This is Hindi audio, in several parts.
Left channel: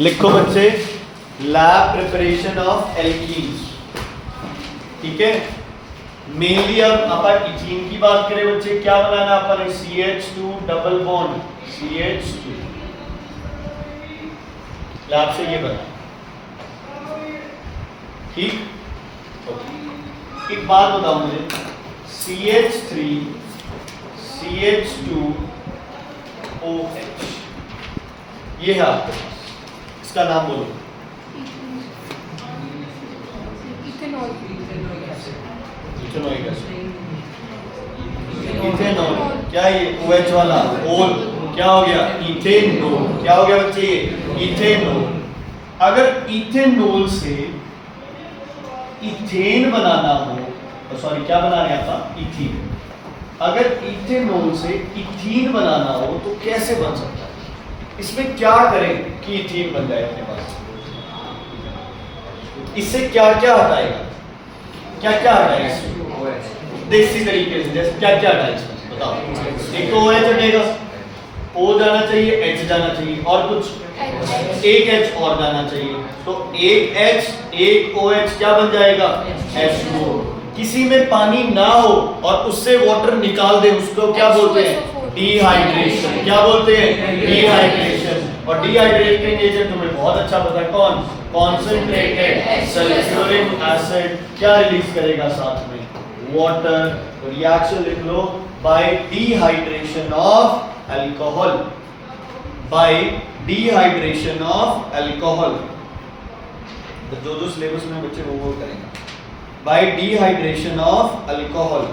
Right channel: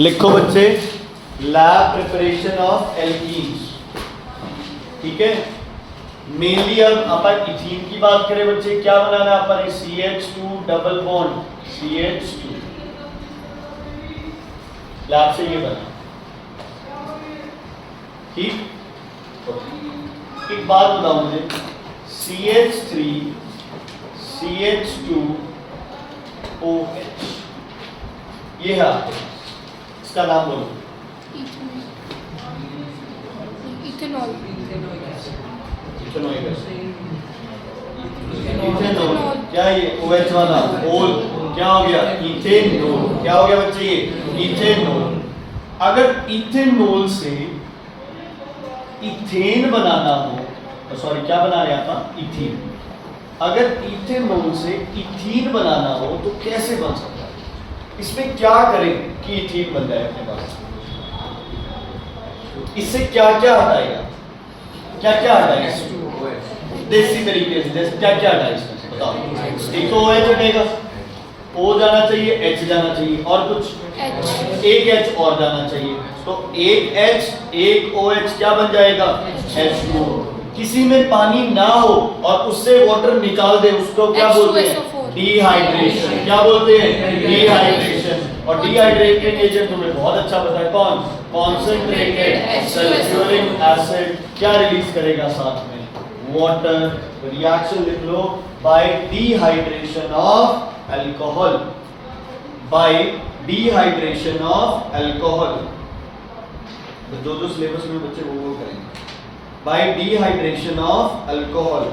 लिखो बच्चे, लैब प्रिपरेशन ऑफ एल्कीन्स। ठीक है, मेनली अब अपन इथीन की बात करें बच्चे, क्या बनाना अपन है, CH2 double bond CH2, lab से ये बना। ठीक, एक बात बताओ मुझे, CH3 CH2 OH, ये है आपके पास, इसका नाम बोलो। इथेनॉल, क्या ये OH वाला ओल क्या हो गया, इथेनॉल, क्या हो गया बच्चे, ये इथेनॉल। अगर इथेनॉल से इथेन बनाना हो, सॉरी क्या बना रहे हैं आप, इथीन। अगर इथेनॉल से इथीन बनाना हो तो कैसे बन सकता है, इसमें क्या करें कि इथीन बन जाए अपने पास, इससे क्या क्या हटाएगा, क्या क्या हटाएगा इसमें देसी तरीके से, जैसे क्या क्या हटाएगा इसमें बताओ। एक तो OH हटेगा, O जाना चाहिए, H जाना चाहिए, और कुछ एक H और जाना चाहिए, तो एक H एक OH क्या बन जाएगा, H2O। किसी में पानी ना हो और उससे वाटर निकाल दे, उसको क्या बोलते हैं, डिहाइड्रेशन। क्या बोलते हैं, डिहाइड्रेशन। और डिहाइड्रेटेड एजेंट तुम्हें बहुत अच्छा पता है, कौन, कॉन्सेंट्रेटेड सल्फ्यूरिक एसिड क्या रिलीज करेगा साथ में, वाटर। तो रिएक्शन लिख लो, by dehydration of alcohol, by dehydration of alcohol. तो जो सिलेबस में बच्चे वो करेंगे, by dehydration of alcohol,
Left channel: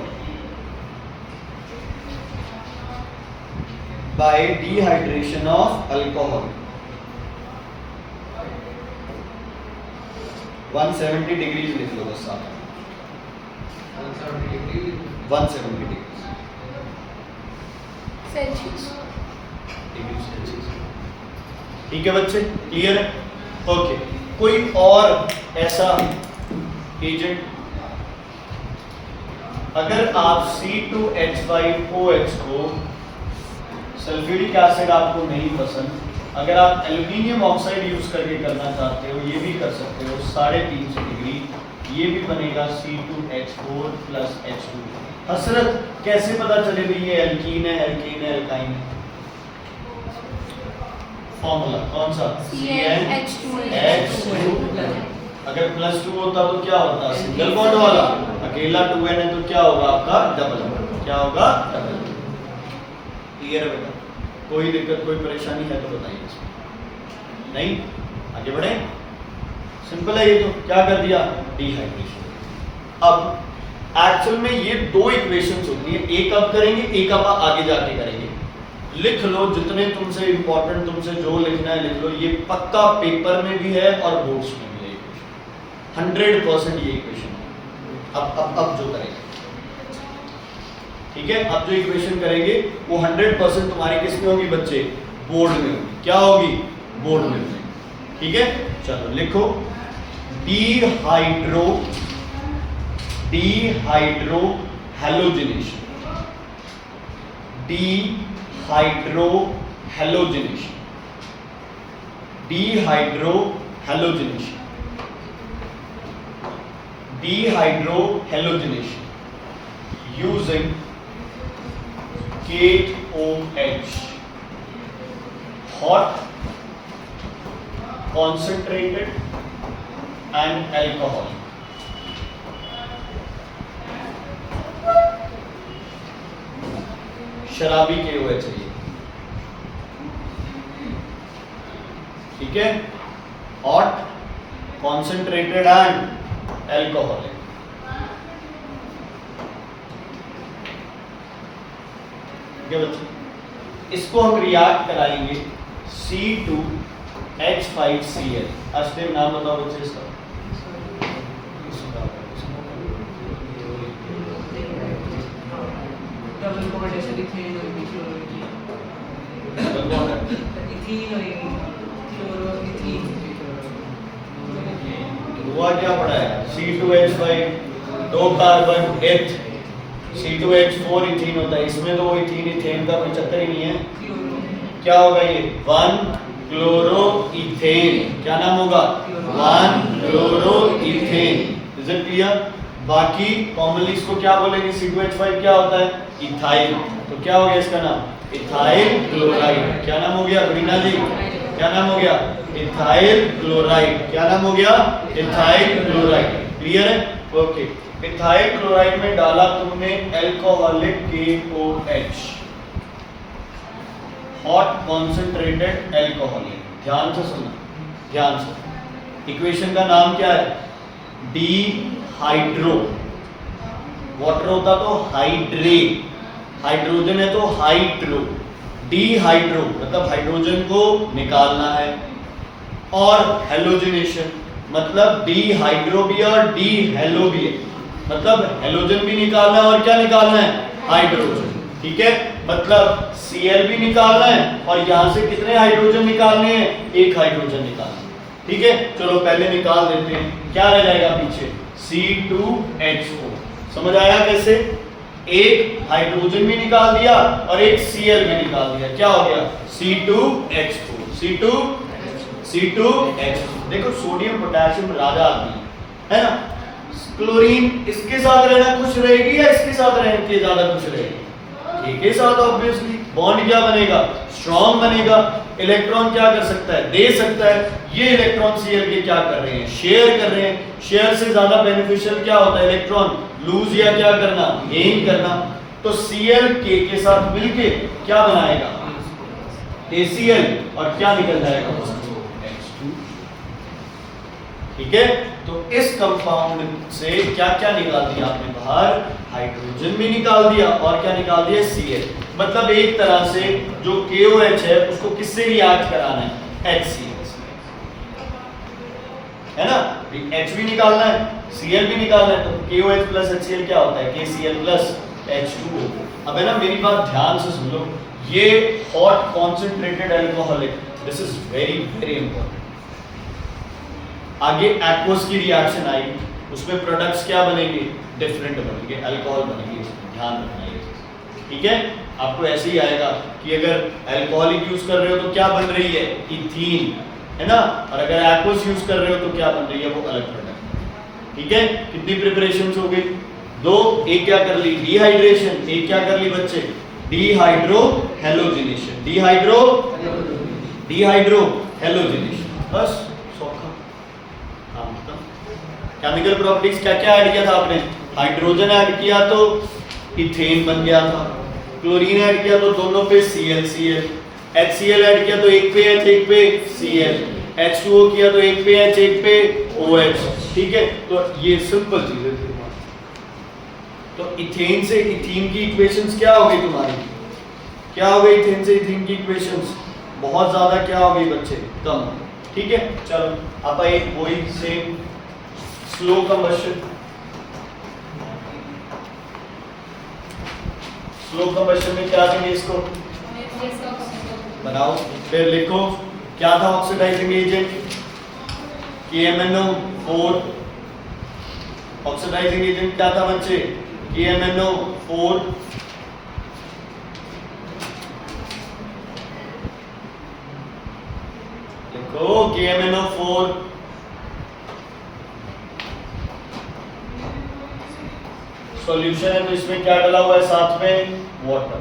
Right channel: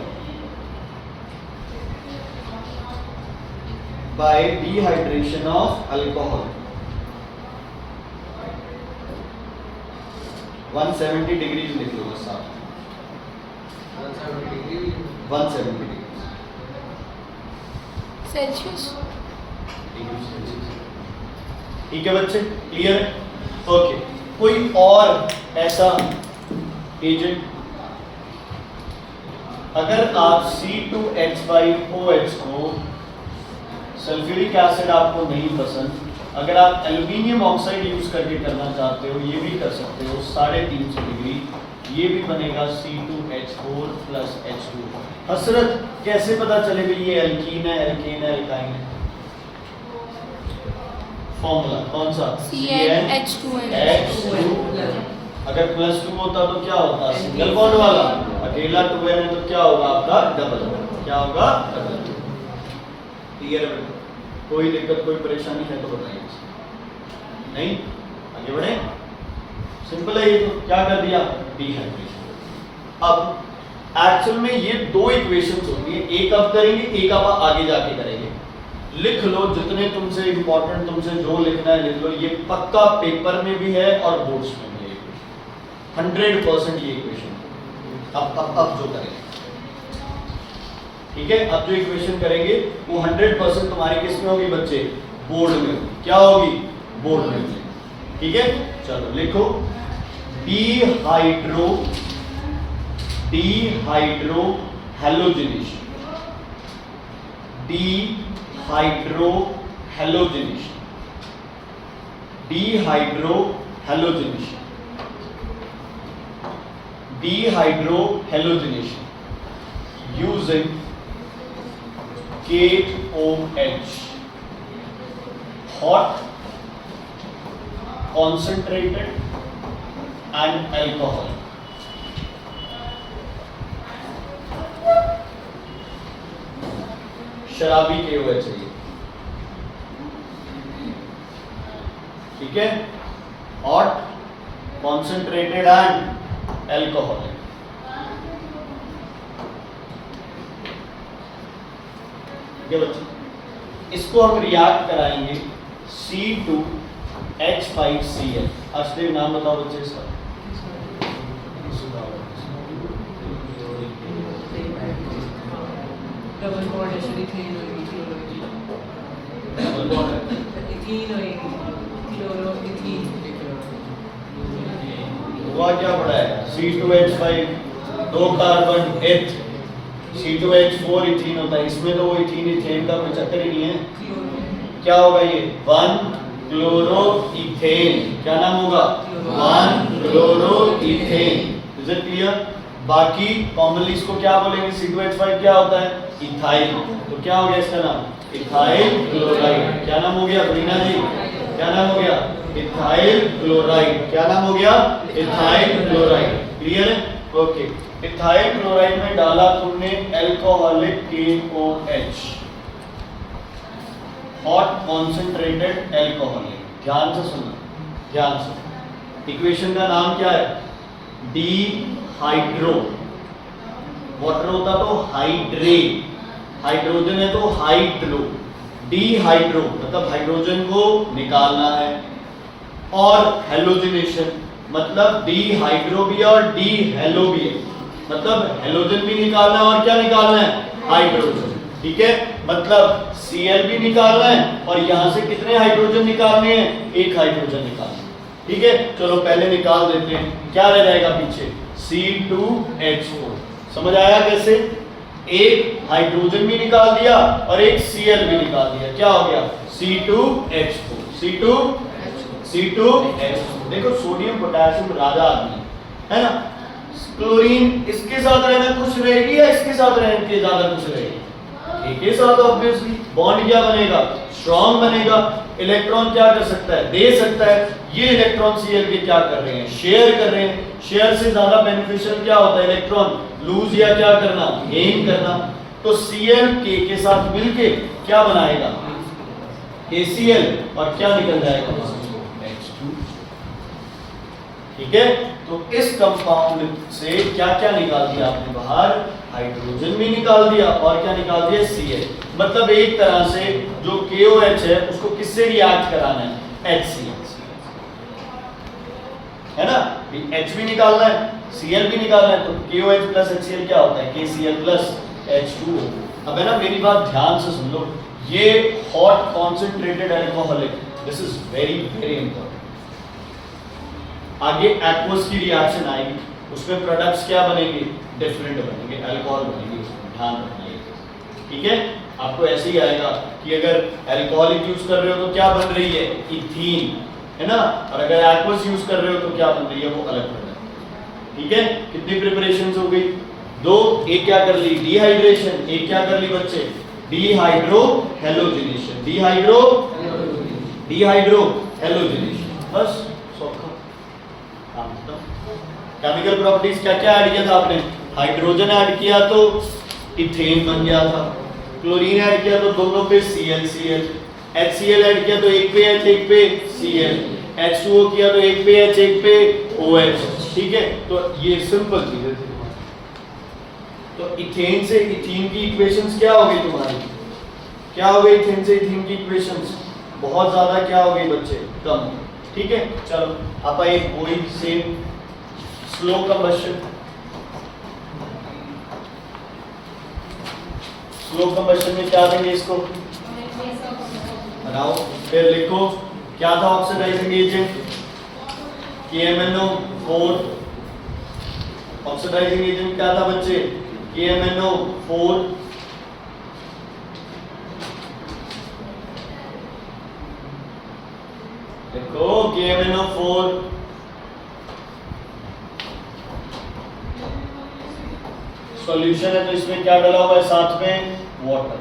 by dehydration of alcohol. 170 degrees लिख लो बस साथ, 170 डिग्री सेल्सियस। ठीक है बच्चे, क्लियर है। ओके, कोई और ऐसा एजेंट, अगर आप C2H5OH को, सल्फ्यूरिक एसिड आपको नहीं पसंद, अगर आप एल्यूमिनियम ऑक्साइड यूज करके करना चाहते हो, ये भी कर सकते हो, 350 डिग्री, ये भी बनेगा C2H4 + H2। हसरत कैसे पता चले भी ये एल्कीन है, एल्कीन है, एल्काइन है, फॉर्मूला कौन सा, CnH2। अगर +2 होता तो क्या होता, सिंगल बॉन्ड वाला, अकेला 2n है तो क्या होगा आपका, डबल, क्या होगा, डबल। क्लियर है बेटा, कोई दिक्कत कोई परेशानी है तो बताइए, नहीं आगे बढ़े, सिंपल है ये, तो क्या कर दिया, डिहाइड्रेशन। अब एक्चुअल में ये दो इक्वेशंस होती है, एक अब करेंगे, एक अब आगे जाके करेंगे। लिख लो जितने तुमसे इंपॉर्टेंट, तुमसे जो लिखना है लिख लो, ये पक्का पेपर में भी है और बोर्ड्स में भी है, 100% ये इक्वेशन। अब जो करेंगे, ठीक है, अब जो इक्वेशन करेंगे वो 100% तुम्हारी किस में होगी बच्चे, बोर्ड में। क्या होगी, बोर्ड में। ठीक है, चलो लिखो, dehydro halogenation, dehydro halogenation, dehydro halogenation, dehydro halogenation using KOH, hot, concentrated and alcohol. शराबी KOH चाहिए, ठीक है, hot, concentrated and alcoholic। बच्चे, इसको हम रिएक्ट कराएंगे C2H5Cl। अस्टिक नाम बताओ बच्चे इसका, डबल बॉन्ड ऐसे इथेन होगी, डबल बॉन्ड इथीन होगी, क्लोरोइथीन। हुआ क्या पड़ा है, C2H5 दो कार्बन एथ, C2H4 इथीन होता है, इसमें तो वो इथीन इथेन का कोई चक्कर ही नहीं है। क्या होगा ये, 1 क्लोरोइथेन, क्या नाम होगा? 1 क्लोरोइथेन। Is it clear? बाकी कॉमनली इसको क्या बोलेंगे? C2H5 क्या होता है? इथाइल। तो क्या हो गया इसका नाम? Ethyl chloride. क्या नाम हो गया रीना जी? क्या नाम हो गया? Ethyl chloride. क्या नाम हो गया? Ethyl chloride. क्लियर है? ओके। इथाइल क्लोराइड में डाला तुमने alcoholic KOH, hot concentrated alcoholic. ध्यान से सुनना, ध्यान से। इक्वेशन का नाम क्या है? डिहाइड्रो। वाटर होता तो हाइड्रे, हाइड्रोजन है तो हाइड्रो। डिहाइड्रो मतलब हाइड्रोजन को निकालना है, और हेलोजनेशन मतलब डिहाइड्रो भी है और डिहेलो भी है, मतलब हेलोजन भी निकालना है और क्या निकालना है? हाइड्रोजन। ठीक है, मतलब Cl भी निकालना है और यहां से कितने हाइड्रोजन निकालने हैं? एक हाइड्रोजन निकालना है। ठीक है, चलो पहले निकाल देते हैं। क्या रह जाएगा पीछे? C2H4। समझ आया कैसे? एक हाइड्रोजन भी निकाल दिया और एक Cl भी निकाल दिया। क्या हो गया? C2H4। C2H4। देखो सोडियम पोटेशियम राजा आदमी है ना। क्लोरीन इसके साथ रहना खुश रहेगी या इसके साथ रहने के ज्यादा खुश रहेगी? एक के साथ ऑब्वियसली। बॉन्ड क्या बनेगा? स्ट्रॉन्ग बनेगा। इलेक्ट्रॉन क्या कर सकता है? दे सकता है। ये इलेक्ट्रॉन Cl के क्या कर रहे हैं? शेयर कर रहे हैं। शेयर से ज्यादा बेनिफिशियल क्या होता है? इलेक्ट्रॉन लूज या क्या करना? गेन करना। तो Cl K के साथ मिलके क्या बनाएगा? KCl, और क्या निकल जाएगा? H2। ठीक है, तो इस कंपाउंड से क्या क्या निकाल दिया आपने बाहर? हाइड्रोजन भी निकाल दिया और क्या निकाल दिया? Cl। मतलब एक तरह से जो KOH है उसको किससे रिएक्ट कराना है? HCl, है ना। H भी निकालना है, Cl भी निकालना है, तो KOH प्लस HCl क्या होता है? KCl plus H2O। अब है ना, मेरी बात ध्यान से सुन लो। ये hot concentrated alcoholic, this is very very important. आगे एक्वस की रिएक्शन आएगी, उसमें प्रोडक्ट्स क्या बनेंगे? डिफरेंट बनेंगे, अल्कोहल बनेंगे। ध्यान रखना ये, ठीक है। आपको ऐसे ही आएगा कि अगर अल्कोहलिक यूज कर रहे हो तो क्या बन रही है? इथीन, है ना। और अगर एक्वस यूज कर रहे हो तो क्या बन रही है? वो अलग प्रोडक्ट। ठीक है, कितनी प्रिपरेशंस हो गई? दो। एक क्या कर ली? डिहाइड्रेशन। एक क्या कर ली बच्चे? Dehydro halogenation. Dehydro halogenation. बस केमिकल प्रॉपर्टीज क्या क्या ऐड किया था आपने? हाइड्रोजन ऐड किया तो इथेन बन गया था, क्लोरीन ऐड किया तो दोनों पे Cl, HCl ऐड किया तो एक पे H एक पे Cl, H2O किया तो एक पे H एक पे OH। ठीक है, तो ये सिंपल चीजें थी। तो इथेन से इथीन की इक्वेशंस क्या हो गई तुम्हारी? क्या हो गई इथेन से इथीन की इक्वेशंस? बहुत ज्यादा क्या हो गई बच्चे? कम। ठीक है, चलो आप एक वही से स्लो कंबशन। स्लो कंबशन में क्या देंगे इसको? बनाओ, फिर लिखो क्या था oxidising agent? KMnO4। Oxidising agent क्या था बच्चे? KMnO4। लिखो KMnO4। सॉल्यूशन है तो इसमें क्या डाला हुआ है साथ में? वाटर।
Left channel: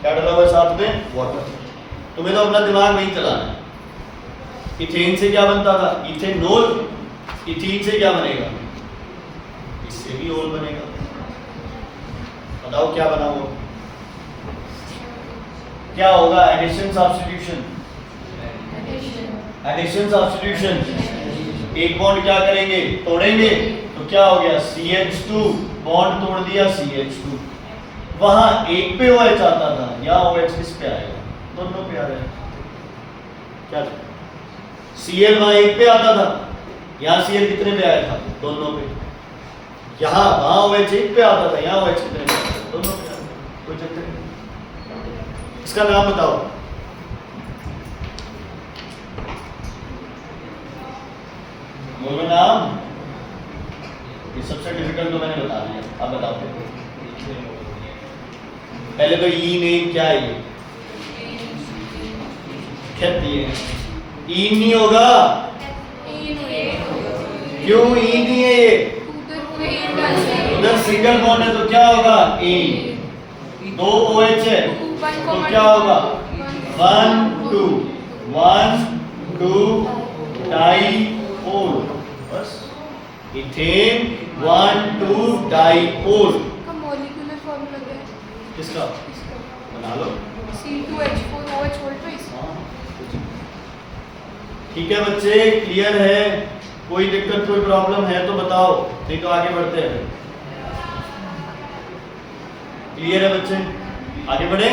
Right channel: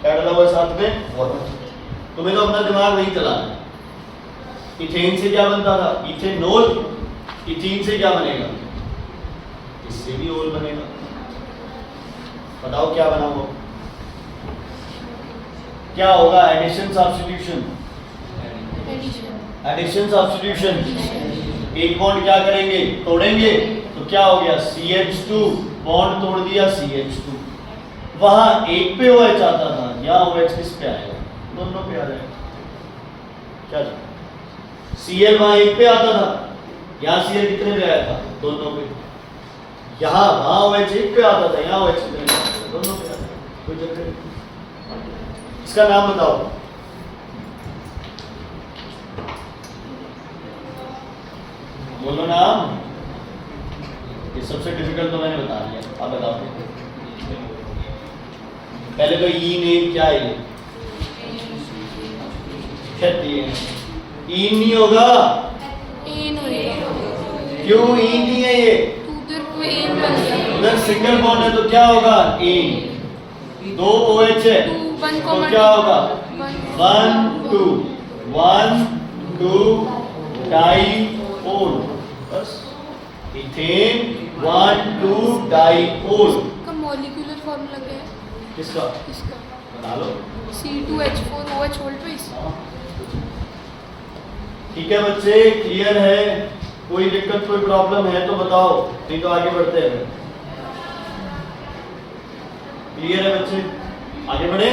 क्या डाला हुआ है साथ में? वाटर। तुम्हें तो अपना दिमाग नहीं चलाना है। इथेन से क्या बनता था? इथेनॉल। इथीन से क्या बनेगा? इससे भी ओल बनेगा। बताओ क्या बना वो? क्या होगा? Addition substitution. Addition substitution. एक बॉन्ड क्या करेंगे? तोड़ेंगे। तो क्या हो गया? CH2 बॉन्ड तोड़ दिया, CH2। वहां एक पे OH आता था, यहाँ OH किस पे आएगा? दोनों पे आ जाएगा। क्या Cl वहां एक पे आता था, यहाँ Cl कितने पे आया था? दोनों पे। यहाँ वहां OH एक पे आता था, यहाँ OH कितने पे आता था? दोनों पे आता था। कोई चक्कर नहीं। इसका नाम बताओ। बोलो नाम। ये सबसे डिफिकल्ट तो मैंने बता दिया, अब बताओ। पहले तो ई नेम क्या है? ये ई नहीं होगा, क्यों ई नहीं है ये? उधर सिंगल बॉन्ड है तो क्या होगा? ए। दो OH है तो क्या होगा? 1 2 1 2 डाइपोल। बस इथेन 1 2 डाइपोल। मॉलिक्यूलर फार्मूला क्या है किसका? इसका? बना लो। C2H4OH voltage. ठीक है बच्चे, क्लियर है? कोई दिक्कत कोई प्रॉब्लम है तो बताओ, नहीं तो आगे बढ़ते हैं। क्लियर है बच्चे? आगे बढ़े।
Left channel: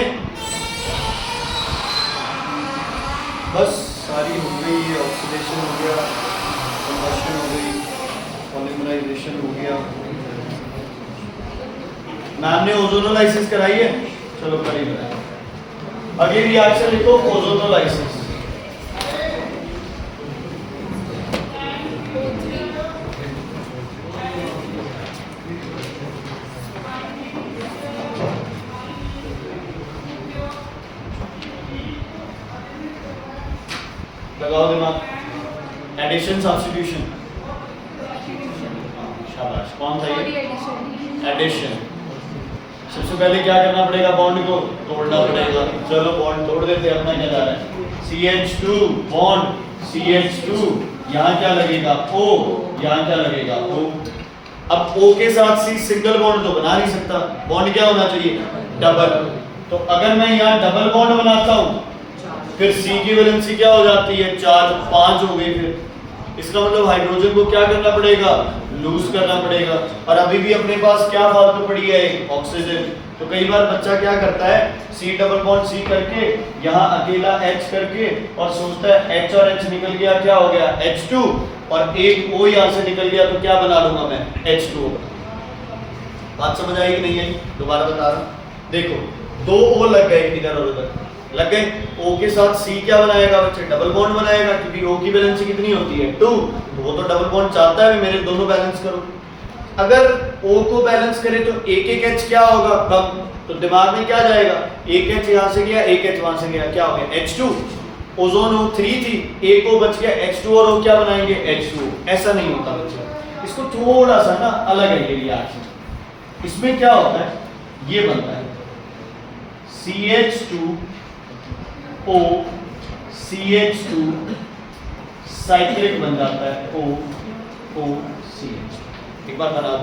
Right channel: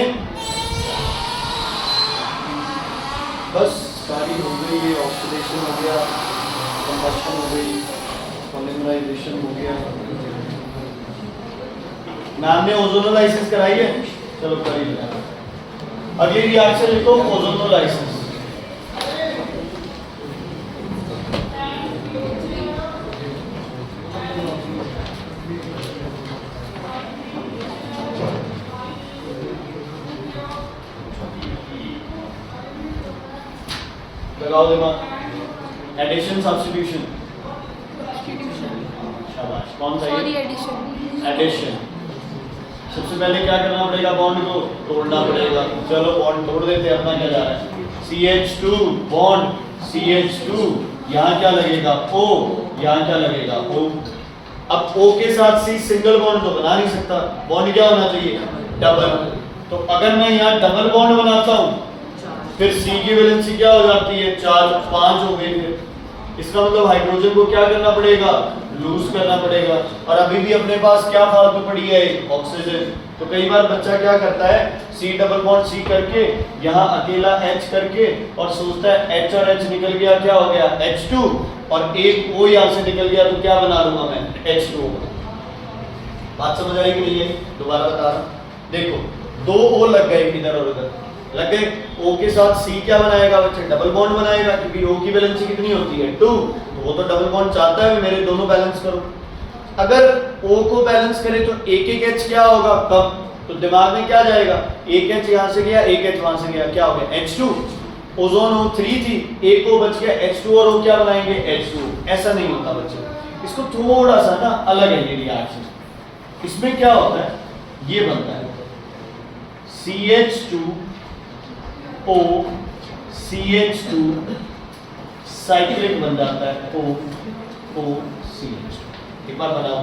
बस सारी हो गई, ऑक्सीडेशन हो गया, कंबशन हो गई, पॉलीमराइजेशन हो गया। मैम ने ओजोनोलाइसिस कराई है, चलो करी। अगली रिएक्शन लिखो, ओजोनोलाइसिस। लगाओ दिमाग। एडिशन सब्स्टिट्यूशन, शाबाश। कौन सा सॉरी ये? एडिशन। एडिशन। सबसे पहले क्या करना पड़ेगा? बॉन्ड को तोड़ना पड़ेगा। चलो बॉन्ड तोड़ देते हैं। अपना क्या जा रहा है? CH2 बॉन्ड CH2, यहाँ क्या लगेगा? O, यहाँ क्या लगेगा? O। अब O के साथ C सिंगल बॉन्ड तो बना नहीं सकता, बॉन्ड क्या होना चाहिए? डबल। तो अगर मैं यहाँ डबल बॉन्ड बनाता हूँ फिर C की वैलेंसी क्या हो जाती है? 4 5 हो गई। फिर इसका मतलब हाइड्रोजन को क्या करना पड़ेगा? लूज करना पड़ेगा। और अभी भी अपने पास क्या फालतू पड़ी है? ऑक्सीजन। तो कई बार बच्चा क्या करता है? C डबल बॉन्ड C करके यहाँ अकेला H करके और सोचता है H और H निकल गया, क्या हो गया? H2, और एक O यहाँ से निकल गया तो क्या बना लूंगा मैं? H2O। बात समझ आई कि नहीं है? दोबारा बता रहा हूँ। देखो, 2 O लग गए इधर और उधर लग गए। O के साथ C क्या बनाएगा बच्चे? डबल बॉन्ड बनाएगा, क्योंकि O की वैलेंसी कितनी होती है? 2। तो वो तो डबल बॉन्ड चाहता है मेरे दोनों बैलेंस करो। अगर O को बैलेंस करें तो एक एक H क्या होगा? कम। तो दिमाग में क्या जाएगा? एक H यहाँ से गया, एक H वहां से गया, क्या हो गया? H2। ओजोन O3 थी, एक O बच गया, H2 और O क्या बनाएंगे? H2। ऐसा नहीं होता बच्चे, इसको थोड़ा सा ना अलग है ये रिएक्शन। इसमें क्या होता है? ये बनता है CH2 O CH2 साइक्लिक बन जाता है O CH। एक बार बनाओ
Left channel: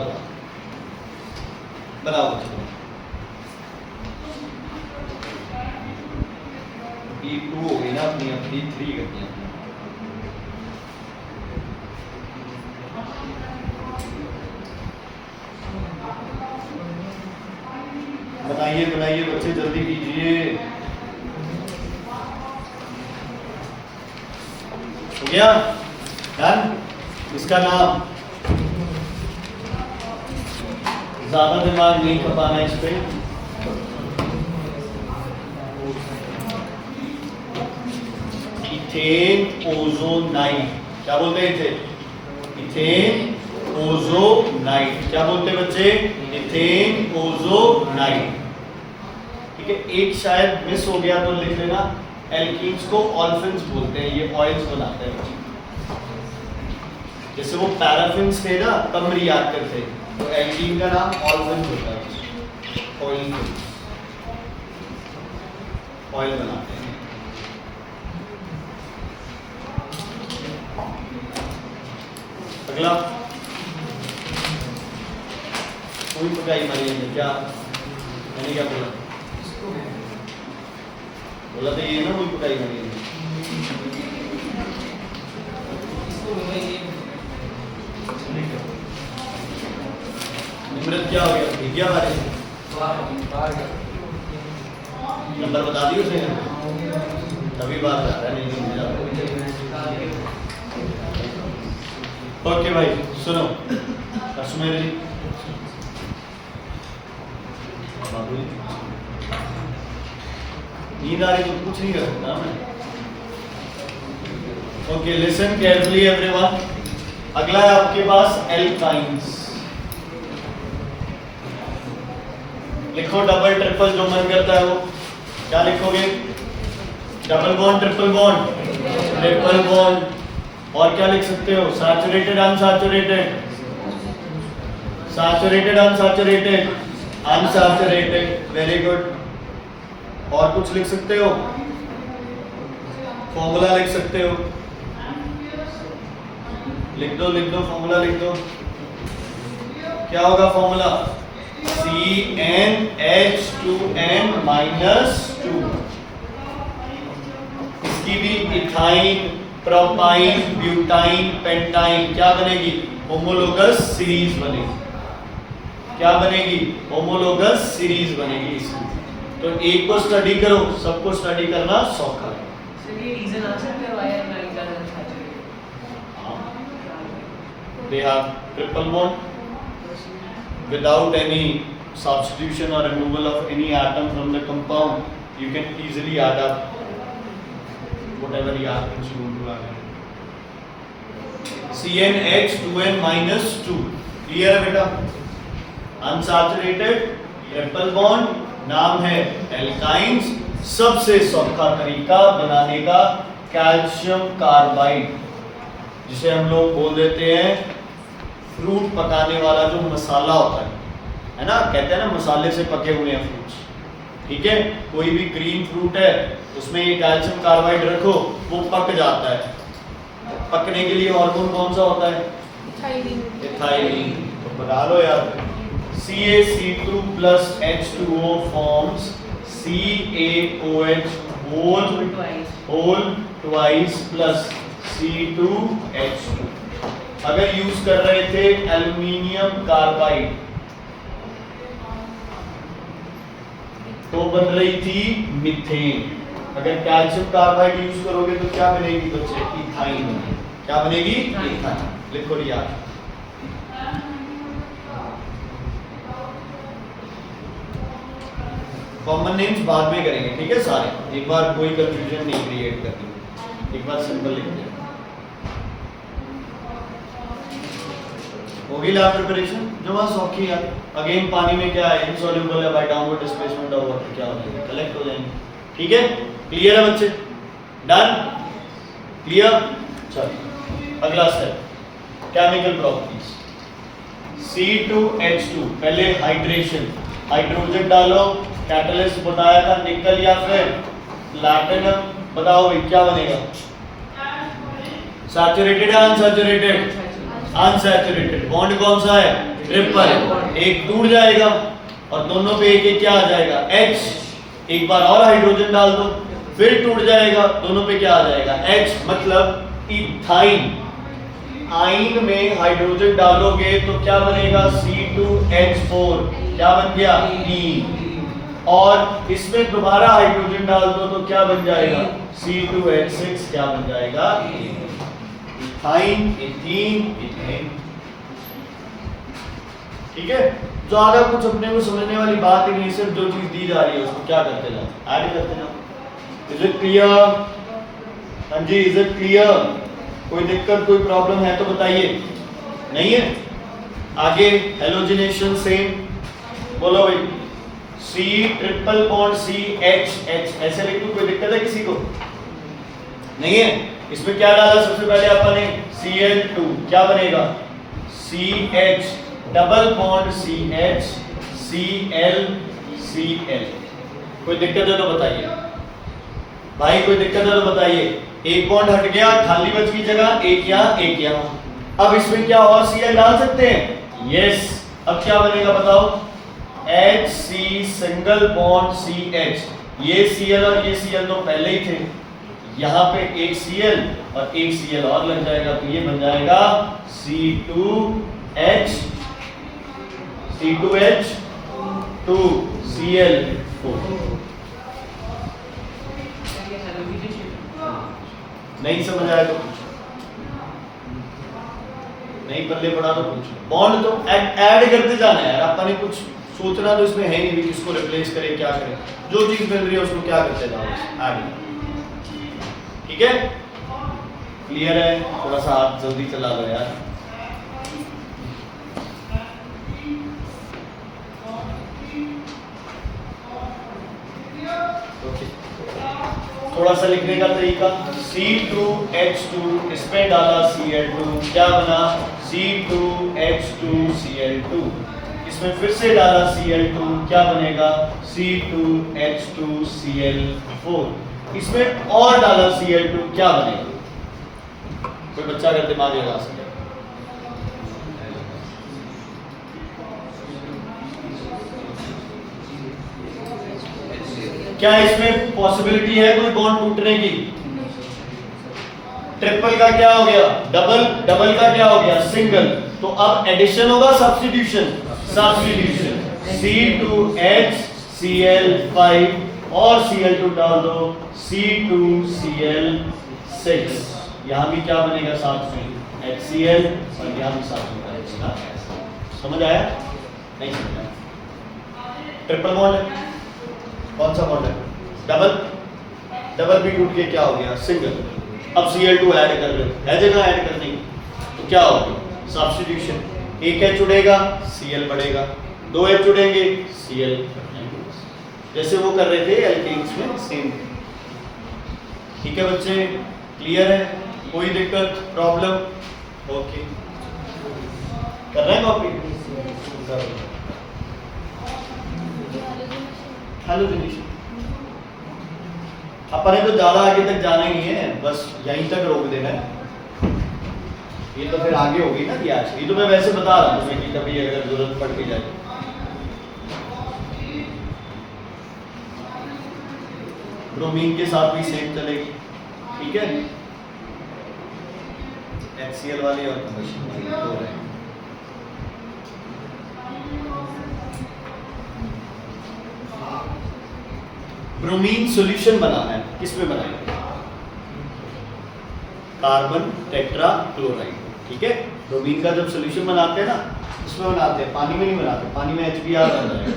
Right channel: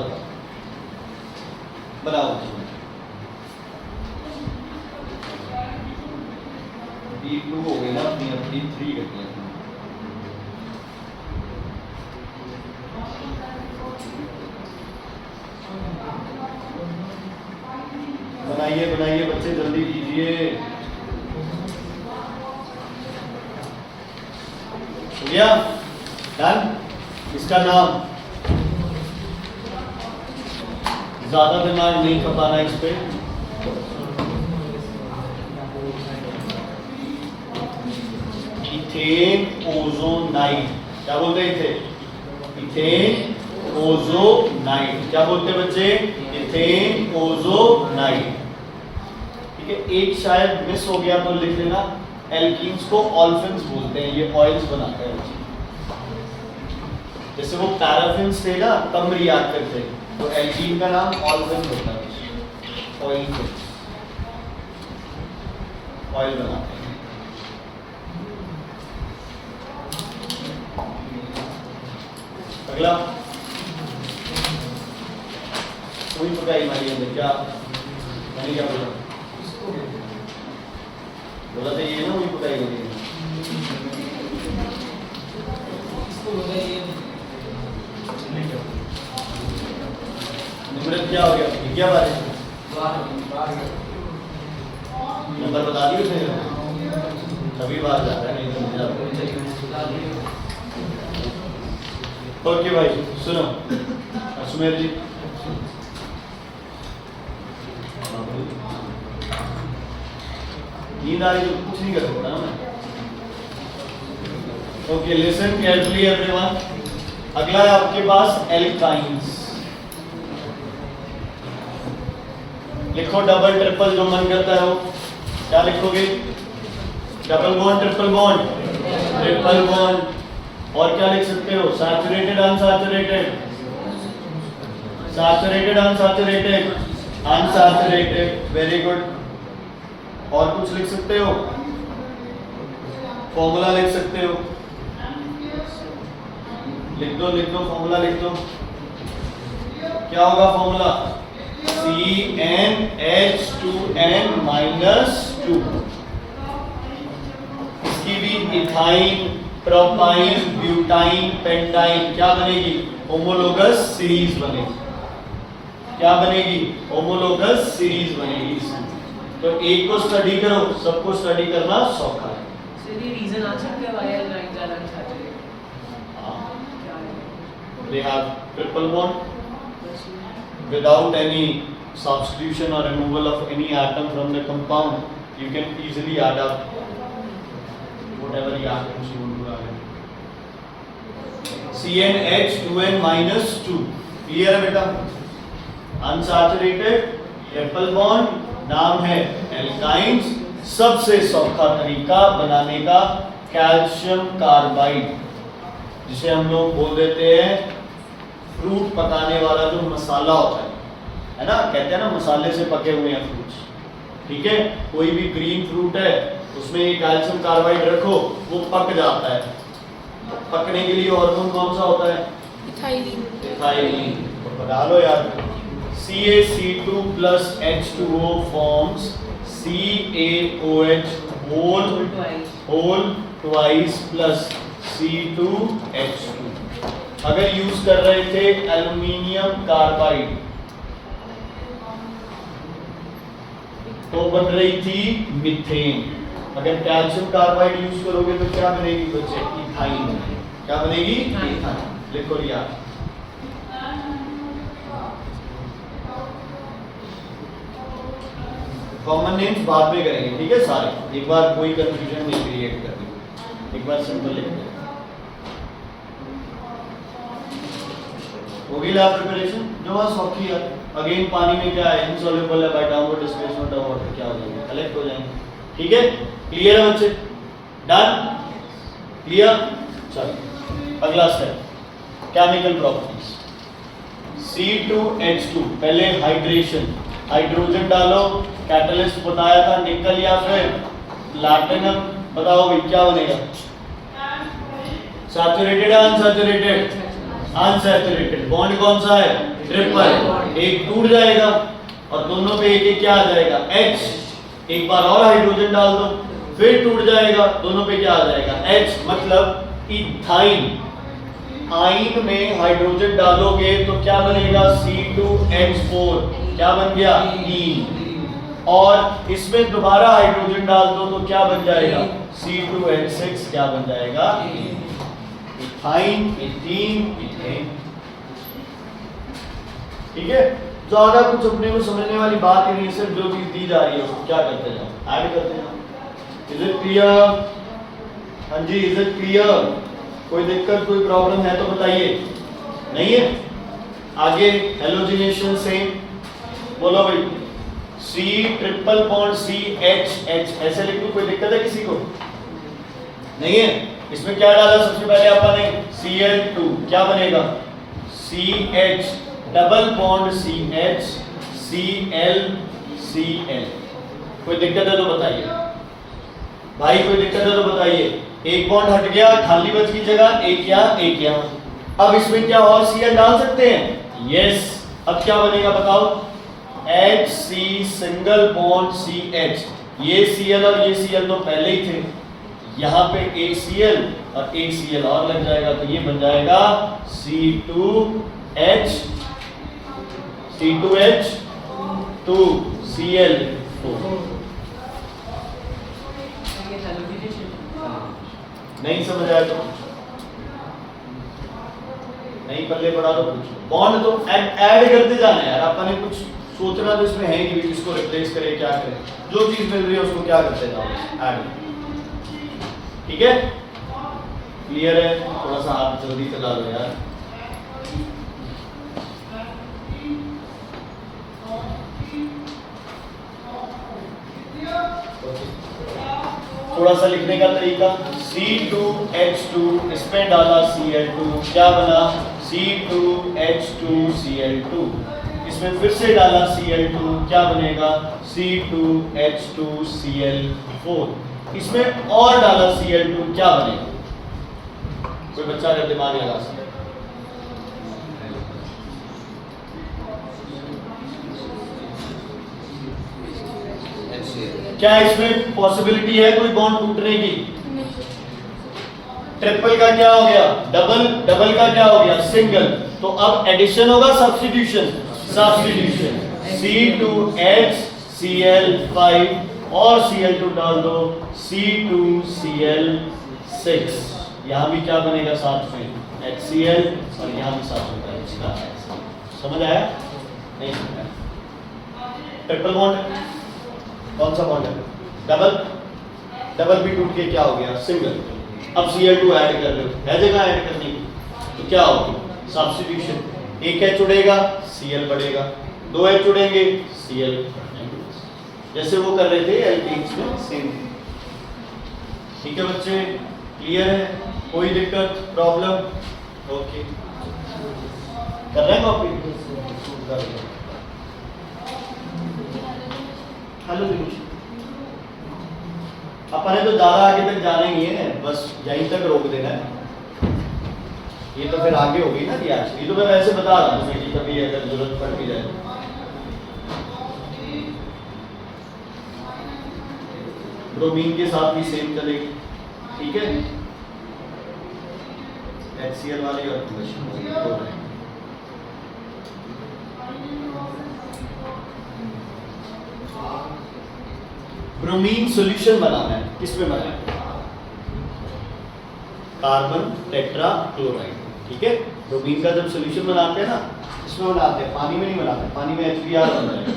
B2 हो गई ना अपनी, अपनी 3 कर दिया। बनाइए बच्चे, जल्दी कीजिए। हो गया? डन। इसका नाम, ज्यादा दिमाग नहीं खपाना इस पे। Ethane ozonide. क्या बोलते हैं इथे? Ethane ozonide. क्या बोलते हैं बच्चे? Ethane ozonide. ठीक है, एक शायद मिस हो गया तो लिख लेना। एल्कीन्स को ऑल्फिन्स बोलते हैं, ये ऑयल्स बनाते हैं। जैसे वो पैराफिन्स थे ना, तब रिएक्ट करते थे, तो एल्कीन का नाम ऑल्फिन होता है। ऑयल बनाते हैं। अगला, कोई पकाई हमारी अंदर क्या मैंने क्या बोला? बोला था ये ना, कोई पकाई हमारी अंदर। निम्रत क्या हो गया? क्या बात है? नंबर बता दिए उसे, अभी बात आ रहा है। ओके भाई सुनो, सुमेर जी नींद आ रही तो कुछ नहीं कर सकता मैं। Okay listen carefully everyone. अगला है आपके पास एल्काइंस। लिखो डबल ट्रिपल, जो मन करता है वो। क्या लिखोगे? Double bond, triple bond, triple bond, और क्या लिख सकते हो, saturated unsaturated, saturated unsaturated, unsaturated, very good. और कुछ लिख सकते हो, फॉर्मूला लिख सकते हो, लिख दो फॉर्मूला लिख दो। क्या होगा फॉर्मूला, CnH2n -2। इसकी भी इथाइन, प्रोपाइन, ब्यूटाइन, पेंटाइन क्या बनेगी, होमोलोगस सीरीज बनेगी। क्या बनेगी, होमोलोगस सीरीज बनेगी इसमें। तो एक को स्टडी करो, सबको स्टडी करना सौखा है। सर ये रीजन आ सकता है why alkynes are unsaturated? They have triple bond without any substitution or removal of any atom from the compound. You can easily add up whatever reactants you want to add. CnH2n -2 clear है बेटा। अनसैचुरेटेड ट्रिपल बॉन्ड, नाम है एल्काइंस। सबसे सौखा तरीका बनाने का कैल्शियम कार्बाइड, जिसे हम लोग बोल देते हैं फ्रूट पकाने वाला जो मसाला होता है ना, कहते हैं ना मसाले से पके हुए हैं फ्रूट्स, ठीक है। कोई भी ग्रीन फ्रूट है उसमें ये कैल्शियम कार्बाइड रखो, वो पक जाता है। तो पकने के लिए हार्मोन कौन सा होता है, इथाइलिन। इथाइलिन। तो पका लो यार, CaC2 + H2O forms CaOH whole twice plus C2H2। अगर यूज कर रहे थे एल्युमिनियम कार्बाइड तो बन रही थी मीथेन। अगर कैल्शियम कार्बाइड यूज करोगे तो क्या बनेगी बच्चे, इथाइन बनेगी। क्या बनेगी, इथाइन। लिखो यार, कॉमन नेम्स बाद में करेंगे, ठीक है सारे। एक बार कोई कंफ्यूजन नहीं क्रिएट करनी, एक बार सिंपल लिख दो। होगी लैब प्रिपरेशन जो वहाँ सौखी है। अगेन पानी में क्या है, इनसॉल्युबल है, by downward displacement of water क्या हो जाएगा, कलेक्ट हो जाएंगे, ठीक है। क्लियर है बच्चे, डन, क्लियर। चलो अगला स्टेप, केमिकल प्रॉपर्टीज। C2H2, पहले हाइड्रेशन, हाइड्रोजन डालो, कैटलिस्ट बताया था निकल या फिर प्लैटिनम, बताओ भाई क्या बनेगा, सैचुरेटेड या अनसैचुरेटेड, अनसैचुरेटेड। बॉन्ड कौन सा है, ट्रिपल, एक टूट जाएगा और दोनों पे एक एक क्या आ जाएगा, H। एक बार और हाइड्रोजन डाल दो, फिर टूट जाएगा, दोनों पे क्या आ जाएगा, H, मतलब इथाइन। आइन में हाइड्रोजन डालोगे तो क्या बनेगा, C2H4, क्या बन गया, E। और इसमें दोबारा हाइड्रोजन डाल दो तो क्या बन जाएगा, C2H6, क्या बन जाएगा, E। इथाइन, इथीन, इथेन, ठीक है। ज्यादा कुछ अपने को समझने वाली बात ही नहीं, सिर्फ जो चीज दी जा रही है उसको क्या करते जाओ, ऐड करते जाओ। इज इट क्लियर, हाँ जी, इज इट क्लियर। कोई दिक्कत, कोई प्रॉब्लम है तो बताइए, नहीं है। आगे हेलोजिनेशन सेम, बोलो भाई, C∼CH, ऐसे लिख दो, कोई दिक्कत है किसी को, नहीं है। इसमें क्या डाला सबसे पहले अपन ने, Cl2, क्या बनेगा, CH double bond CH, Cl, Cl। कोई दिक्कत है तो बताइए भाई, कोई दिक्कत है तो बताइए। एक बॉन्ड हट गया, खाली बच की जगह एक यहाँ एक यहाँ। अब इसमें क्या और Cl डाल सकते हैं, यस। अब क्या बनेगा बताओ, HC सिंगल बॉन्ड CH। ये Cl और ये Cl तो पहले ही थे, यहाँ पे एक Cl और एक Cl और लग जाएगा तो ये बन जाएगा C2H, C2H2 Cl4। नहीं समझ आया तो नहीं, पल्ले पड़ा तो पूछो। बॉन्ड तो ऐड करते जाना है यार, अपन ने कुछ सोचना तो इसमें है ही नहीं, किसको रिप्लेस करें क्या करें, जो चीज मिल रही है उसको क्या करते जाओ, ऐड, ठीक है। क्लियर है, थोड़ा सा हाथ जल्दी चला लो यार। थोड़ा सा लिखने का तरीका, C2H2, इसमें डाला Cl2, क्या बना C2H2Cl2, इसमें फिर से डाला Cl2, क्या बनेगा C2H2Cl4, इसमें और डाला Cl2, क्या बनेगा? कोई बच्चा अगर दिमाग लगा सके। क्या इसमें पॉसिबिलिटी है कोई बॉन्ड टूटने की? ट्रिपल का क्या हो गया डबल, डबल का क्या हो गया सिंगल, तो अब एडिशन होगा सब्स्टिट्यूशन, सब्स्टिट्यूशन C2HCl5 और Cl2 डाल दो C2Cl6, यहां भी क्या बनेगा साथ में HCl और यहां भी साथ में HCl। समझ आया? नहीं समझ आया? ट्रिपल बॉन्ड कौन सा बॉन्ड है? डबल, डबल भी टूट के क्या हो गया सिंगल। अब Cl2 ऐड कर लो, है जगह ऐड करने की, तो क्या होगी सब्स्टिट्यूशन, एक H उड़ेगा Cl बढ़ेगा, दो H उड़ेंगे Cl बढ़ेंगे, जैसे वो कर रहे थे एल्केन्स में सेम। ठीक है बच्चे, क्लियर है? कोई दिक्कत प्रॉब्लम? ओके, कर रहे हैं कॉपी? हेलो दिनेश, अपने तो ज्यादा आगे तक जाने नहीं है, बस यहीं तक रोक देना है। ये तो फिर आगे होगी ना रिएक्शन, ये तो मैं वैसे बता रहा हूँ कि कभी अगर जरूरत पड़ के जाए। ब्रोमीन के साथ भी सेम चलेगी, ठीक है? HCl वाले और ब्रोमीन सॉल्यूशन बनाना है, किसमें बनाएंगे? कार्बन टेट्रा क्लोराइड, ठीक है? ब्रोमीन का जब सॉल्यूशन बनाते हैं ना, इसमें बनाते हैं, पानी में नहीं बनाते, पानी में HBr बन जाएगा।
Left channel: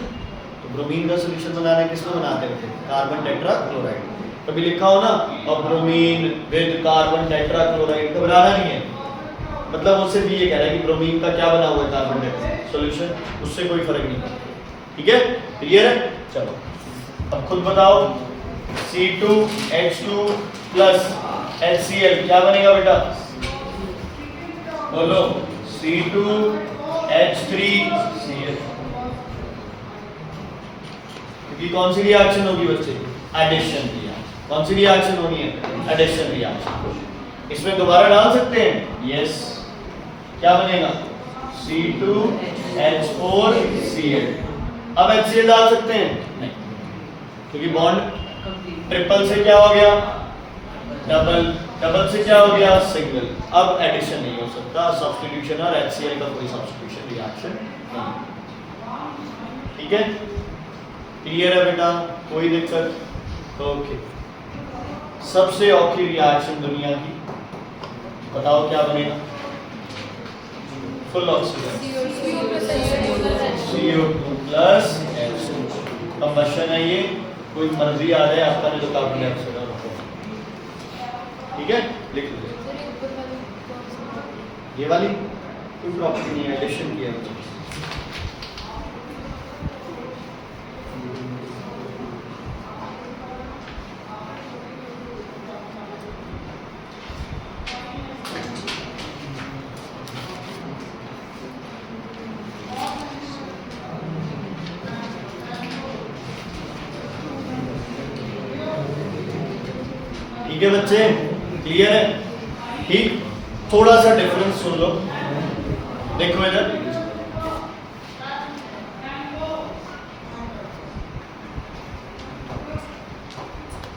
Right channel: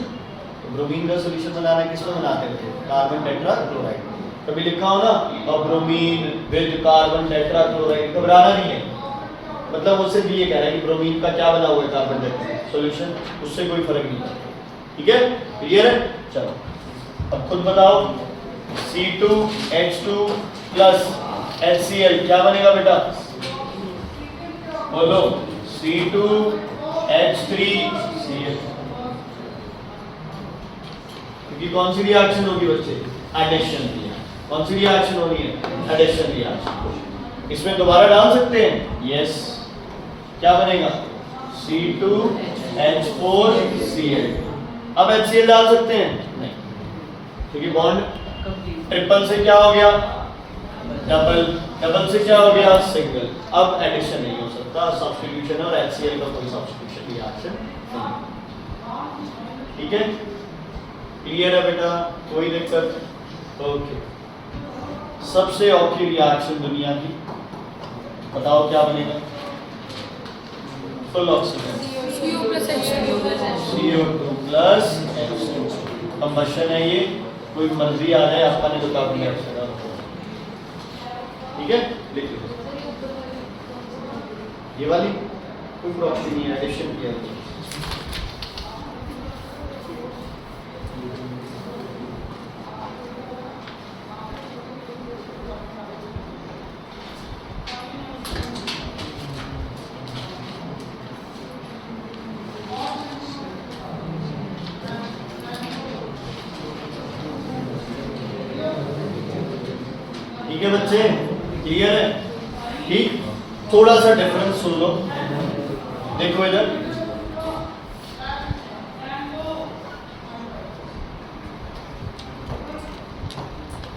तो ब्रोमीन का सॉल्यूशन बनाना है, किसमें बनाते हैं? Carbon tetra chloride. कभी लिखा हो ना और bromine with carbon tetra chloride, घबराना नहीं है, मतलब उससे भी ये कह रहा है कि ब्रोमीन का क्या बना हुआ है कार्बन टेट्रा सॉल्यूशन, उससे कोई फर्क नहीं पड़ता। ठीक है, क्लियर है? चलो अब खुद बताओ, C2H2 प्लस HCl क्या बनेगा बेटा? बोलो C2H3Cl, क्योंकि कौन सी रिएक्शन होगी बच्चे? Addition reaction. कौन सी रिएक्शन होनी है? Addition reaction. इसमें दोबारा डाल सकते हैं? यस। क्या बनेगा? C2H4Cl। अब HCl डाल सकते हैं? नहीं, क्योंकि बॉन्ड ट्रिपल से क्या हो गया? डबल, डबल से क्या हो गया? सिंगल। अब एडिशन नहीं हो सकता, सब्स्टिट्यूशन और HCl का कोई सब्स्टिट्यूशन रिएक्शन नहीं। ठीक है, क्लियर है बेटा? कोई दिक्कत? ओके, सबसे औखी रिएक्शन दुनिया की, बताओ क्या बनेगा? Full oxygen, CO2 plus combustion है ये, कोई मर्जी आ जाए आपका, नहीं तो कार्बन डाइऑक्साइड। ठीक है, लिख लो ये वाली, कोई प्रॉपर्टी नहीं है, एडिशन किया है। ठीक है बच्चे, क्लियर है? ठीक, थोड़ा सा डिफरेंस सुन लो, देखो इधर,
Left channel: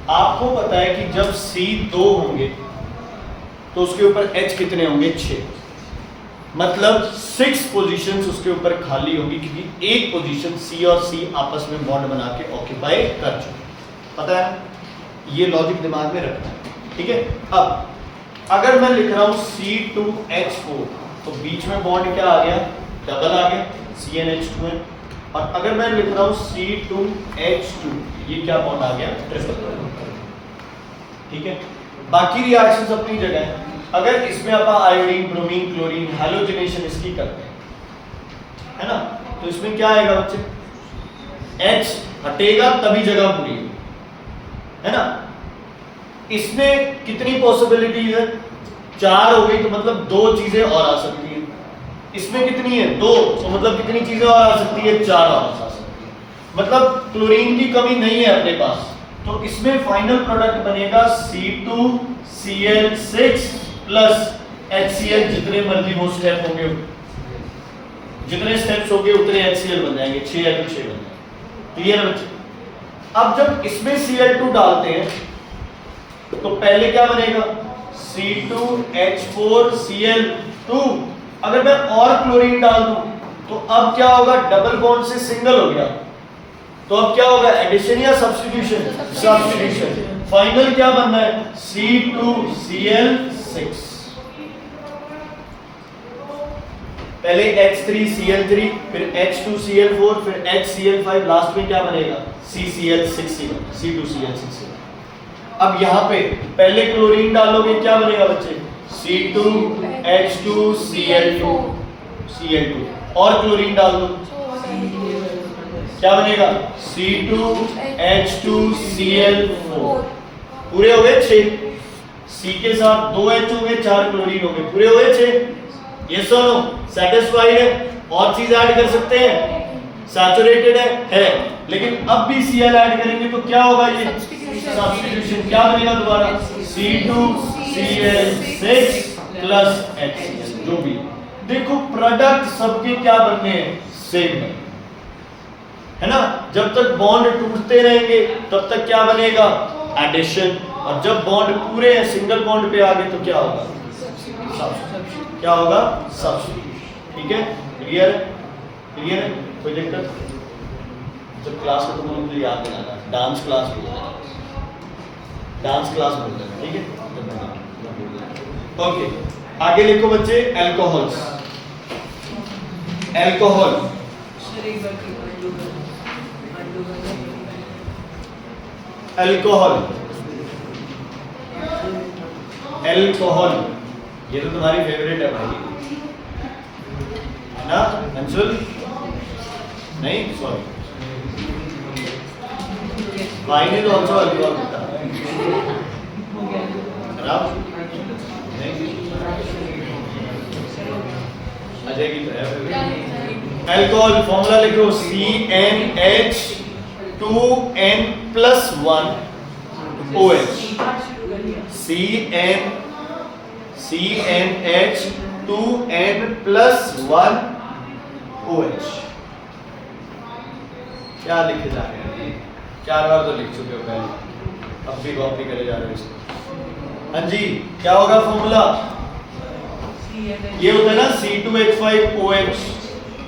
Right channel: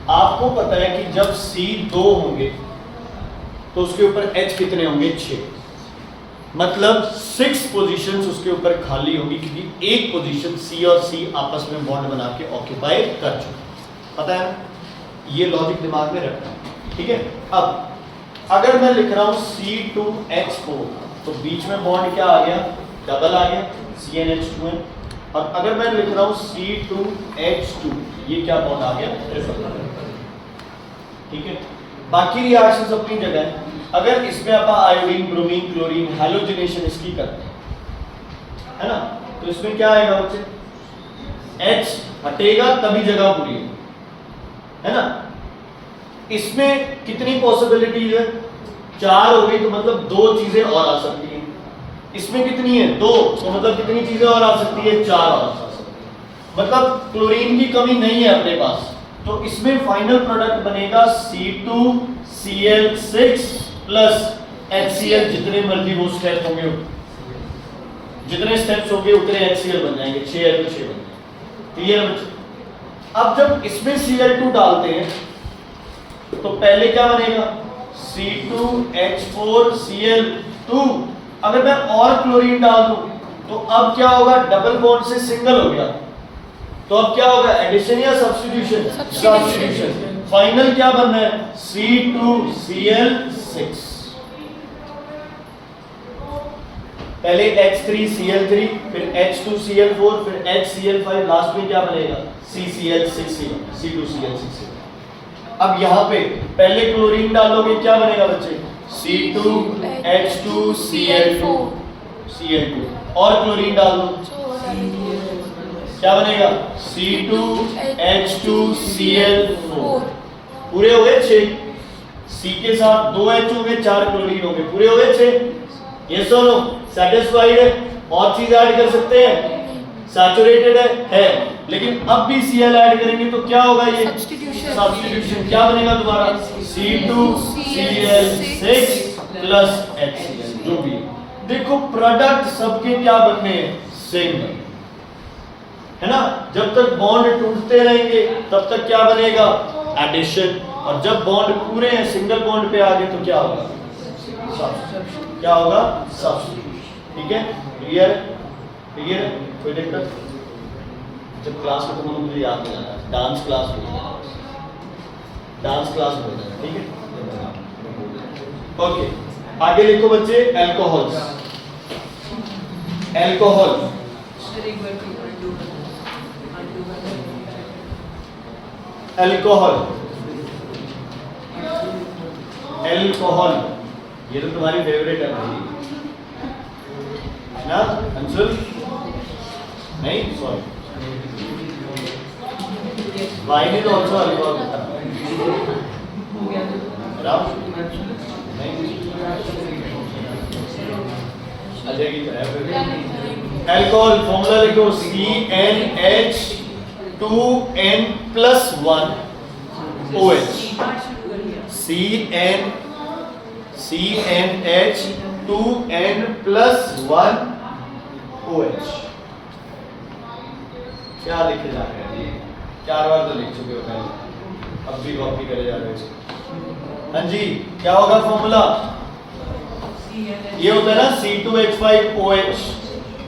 आपको पता है कि जब C2 होंगे तो उसके ऊपर H कितने होंगे? 6, मतलब 6 पोजीशंस उसके ऊपर खाली होंगी, क्योंकि एक पोजीशन C और C आपस में बॉन्ड बना के ऑक्यूपाई कर चुके। पता है, ये लॉजिक दिमाग में रखना है। ठीक है, अब अगर मैं लिख रहा हूं C2H4 तो बीच में बॉन्ड क्या आ गया? डबल आ गया, CnH2n। और अगर मैं लिख रहा हूं C2H2, ये क्या बॉन्ड आ गया? ट्रिपल। ठीक है, बाकी रिएक्शंस अपनी जगह है। अगर इसमें आप आयोडीन, ब्रोमीन, क्लोरीन, हैलोजिनेशन इसकी करते हैं, है ना, तो इसमें क्या आएगा बच्चे? H हटेगा तभी जगह पूरी है ना। इसमें कितनी पॉसिबिलिटीज है? 4 हो गई, तो मतलब 2 चीजें और आ सकती हैं। इसमें कितनी है? 2, तो मतलब कितनी चीजें और आ सकती है? 4 और आ सकती है। मतलब क्लोरीन की कमी नहीं है अपने पास। तो इसमें फाइनल प्रोडक्ट बनेगा C2Cl6 प्लस HCl। जितने मर्जी वो स्टेप होंगे, जितने स्टेप्स होंगे उतने HCl बन जाएंगे, 6 या 6 बन जाएंगे। क्लियर है? अब जब इसमें Cl2 डालते हैं तो पहले क्या बनेगा? C2H4Cl2। अगर मैं और क्लोरीन डाल दूं तो अब क्या होगा? डबल बॉन्ड से सिंगल हो गया, तो अब क्या होगा? एडिशन या सब्स्टिट्यूशन? सब्स्टिट्यूशन। फाइनल क्या बनना है? C2Cl6। पहले H3Cl3, फिर H2Cl4, फिर HCl5, लास्ट में क्या बनेगा? CCl6, C2Cl6। अब यहाँ पे पहले क्लोरीन डालोगे, क्या बनेगा बच्चे? C2H2Cl2, Cl2। और क्लोरीन डाल दो, क्या बनेगा? C2H2Cl4। पूरे हो गए 6। C के साथ 2 H हो गए, 4 क्लोरीन हो गए, पूरे हो गए 6। यस और नो? सेटिस्फाइड है? और चीज ऐड कर सकते हैं? सैचुरेटेड है, लेकिन अब भी Cl ऐड करेंगे तो क्या होगा? ये सब्स्टिट्यूशन। क्या बनेगा दोबारा? C2Cl6 प्लस HCl, जो भी है। देखो प्रोडक्ट सबके क्या बनने हैं? सेम है ना? जब तक बॉन्ड टूटते रहेंगे तब तक क्या बनेगा? एडिशन। और जब बॉन्ड पूरे हैं, सिंगल बॉन्ड पे आ गए तो क्या होगा? क्या होगा? सब्स्टिट्यूशन। ठीक है? क्लियर है? क्लियर है? कोई दिक्कत? जब क्लास खत्म होने मुझे याद दिलाना, डांस क्लास बोल देना, डांस क्लास बोल देना, ठीक है? ओके, आगे लिखो बच्चे। अल्कोहल्स। अल्कोहल, अल्कोहल, अल्कोहल, ये तो तुम्हारी फेवरेट है भाई, है ना अंशुल? नहीं, sorry, wine is also alcohol. Ajay की तरह अल्कोहल फॉर्मूला लिखो। CnH2n+1OH। CnH2n+1OH। क्या लिखे जा रहे हैं? 4 बार तो लिख चुके हो पहले, अब भी कॉपी करे जा रहे हो इसको। हाँ जी, क्या होगा फॉर्मूला? ये होता है ना C2H5OH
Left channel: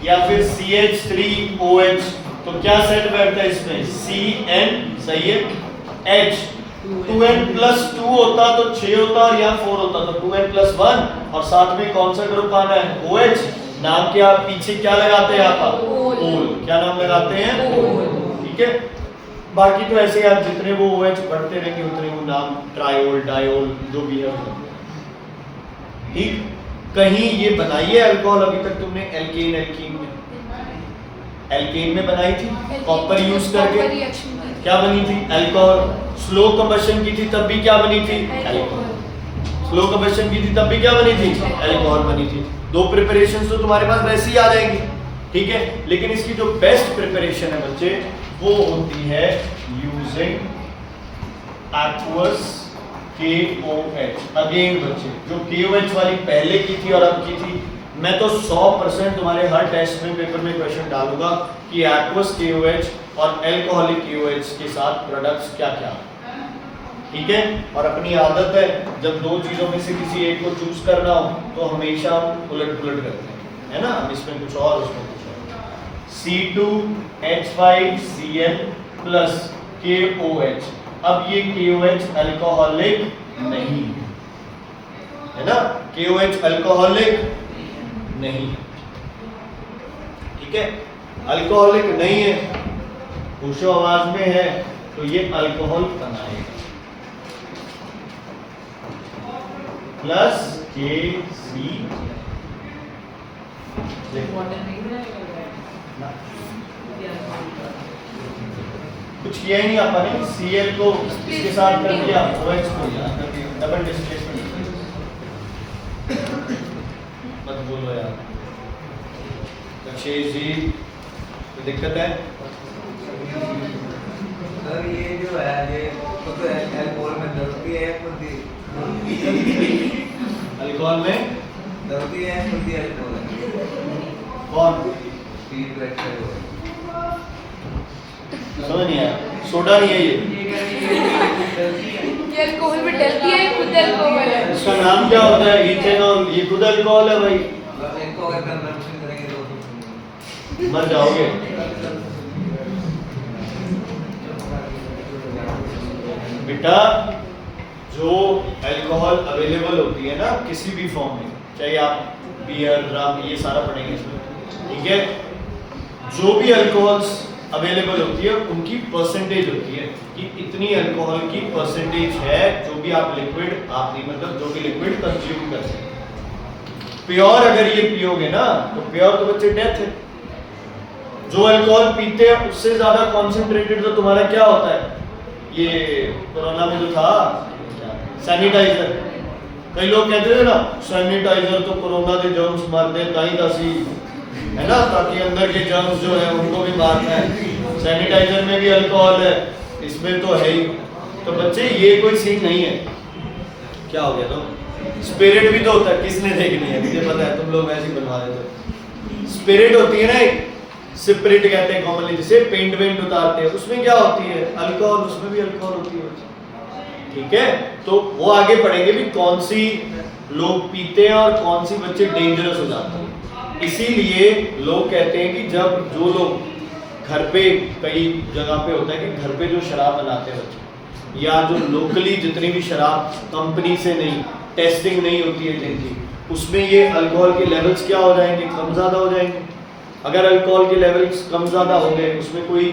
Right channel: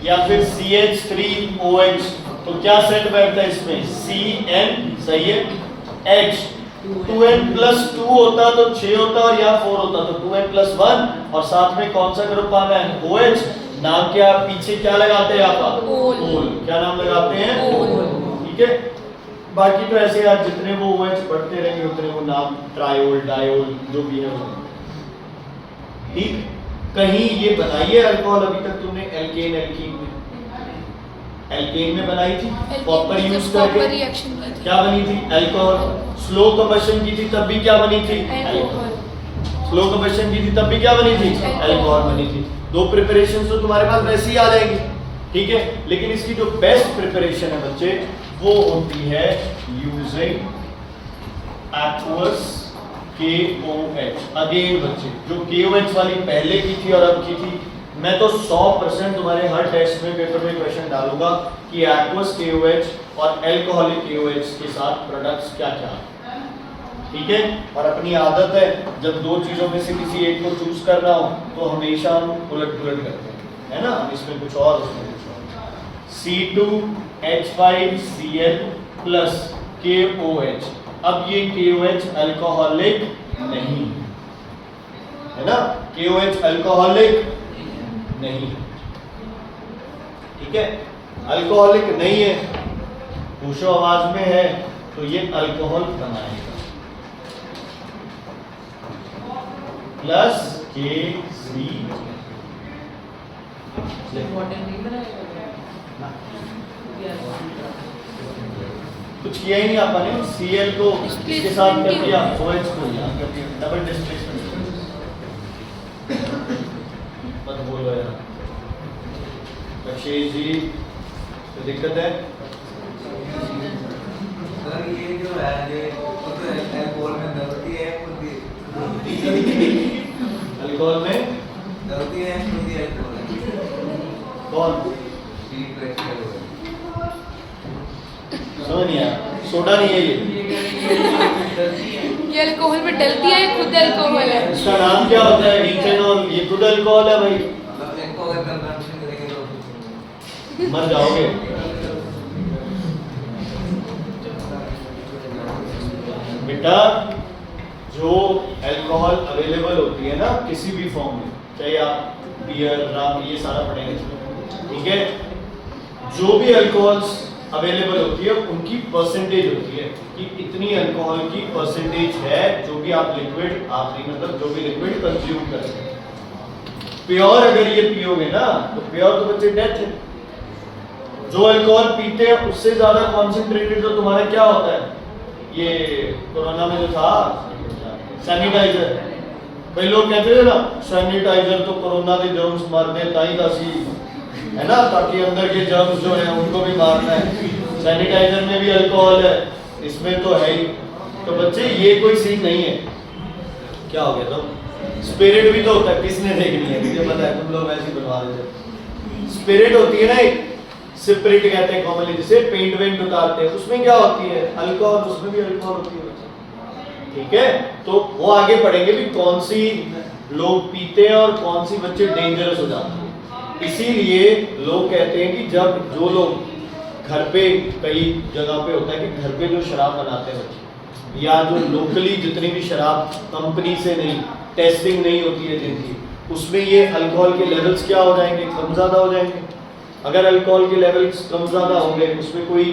या फिर CH3OH। तो क्या सेट बैठता है इसमें? Cn, सही है। H 2n+2 होता तो 6 होता, और यहाँ 4 होता तो 2n+1, और साथ में कौन सा ग्रुप आना है? OH। नाम क्या पीछे क्या लगाते हैं आप? ओल। क्या नाम लगाते हैं? ओल। ठीक है? बाकी तो ऐसे आप जितने वो OH पढ़ते रहेंगे उतने वो नाम ट्रायोल, डायोल, जो भी है। ठीक? कहीं ये बनाई है अल्कोहल अभी तक तुमने? एल्केन, एल्कीन में, एल्केन में बनाई थी कॉपर यूज करके, क्या बनी थी? अल्कोहल। स्लो कंबशन की थी तब भी क्या बनी थी? अल्कोहल। स्लो कंबशन की थी तब भी क्या बनी थी? अल्कोहल बनी थी। 2 प्रिपरेशंस तो तुम्हारे पास वैसे ही आ जाएंगी, ठीक है? लेकिन इसकी जो बेस्ट प्रिपरेशन है बच्चे वो होती है यूजिंग एक्वस KOH। अगेन बच्चे, जो KOH वाली पहले की थी और अब की थी, मैं तो 100% तुम्हारे हर टेस्ट में पेपर में क्वेश्चन डालूंगा कि एक्वस KOH और अल्कोहलिक KOH के साथ प्रोडक्ट्स क्या क्या हैं। ठीक है? और अपनी आदत है जब 2 चीजों में से किसी एक को चूज करना हो तो हमेशा हम उलट पुलट करते हैं, है ना? हम इसमें कुछ और, उसमें कुछ और। C2H5Cl plus KOH। अब ये KOH अल्कोहलिक नहीं है ना? KOH अल्कोहलिक नहीं, ठीक है? अल्कोहलिक नहीं है, होशो आवाज में है, तो ये अल्कोहल बनाएगा। प्लस KC कुछ किया ही नहीं आपने, Cl को इसके साथ कर दिया, OH को यहाँ कर दिया, डबल डिस्प्लेसमेंट। मत बोलो यार अक्षय जी, कोई दिक्कत है? सर ये जो है ये तो अल्कोहल में दर्दी है अल्कोहल में दर्दी है अल्कोहल है कौन? C2H5O है। समझ नहीं आया, सोडा नहीं है ये, ये अल्कोहल में डलती है, खुद अल्कोहल है। इसका नाम क्या होता है? इथेनॉल। ये खुद अल्कोहल है भाई, मतलब इनको अगर कंजम्पशन करेंगे तो मर जाओगे। बेटा जो अल्कोहल अवेलेबल होती है ना किसी भी फॉर्म में, चाहे आप बियर, रम, ये सारा पढ़ेंगे इसमें, ठीक है? जो भी अल्कोहल्स अवेलेबल होती है उनकी परसेंटेज होती है कि इतनी अल्कोहल की परसेंटेज है जो भी आप लिक्विड, आप नहीं मतलब जो भी लिक्विड कंज्यूम कर सकते हैं। प्योर अगर ये पियोगे ना तो प्योर तो बच्चे डेथ है। जो अल्कोहल पीते हैं उससे ज्यादा कॉन्सेंट्रेटेड तो तुम्हारा क्या होता है? ये कोरोना में जो था सैनिटाइजर, कई लोग कहते थे ना सैनिटाइजर तो कोरोना के जर्म्स मार दे, ताई दसी है ना, ताकि अंदर के जर्म्स जो है उनको भी मारना है। सैनिटाइजर में भी अल्कोहल है, इसमें तो है ही। तो बच्चे ये कोई सीन नहीं है। क्या हो गया? तो स्पिरिट भी तो होता है, किसने देखनी है? मुझे पता है तुम लोग वैसे ही बनवा देते हो। स्पिरिट होती है ना एक, स्पिरिट कहते हैं कॉमनली, जिसे पेंट वेंट उतारते हैं, उसमें क्या होती है? अल्कोहल, उसमें भी अल्कोहल होती है। ठीक है, तो वो आगे पढ़ेंगे भी कौन सी लोग पीते हैं और कौन सी बच्चे डेंजरस हो जाते हैं। इसीलिए लोग कहते हैं कि जब जो लोग घर पे, कई जगह पे होता है कि घर पे जो शराब बनाते हैं बच्चे, या जो लोकली जितनी भी शराब कंपनी से नहीं, टेस्टिंग नहीं होती है जिनकी, उसमें ये अल्कोहल के लेवल्स क्या हो जाएंगे? कम ज़्यादा हो जाएंगे। अगर अल्कोहल के लेवल्स कम ज़्यादा हो गए, उसमें कोई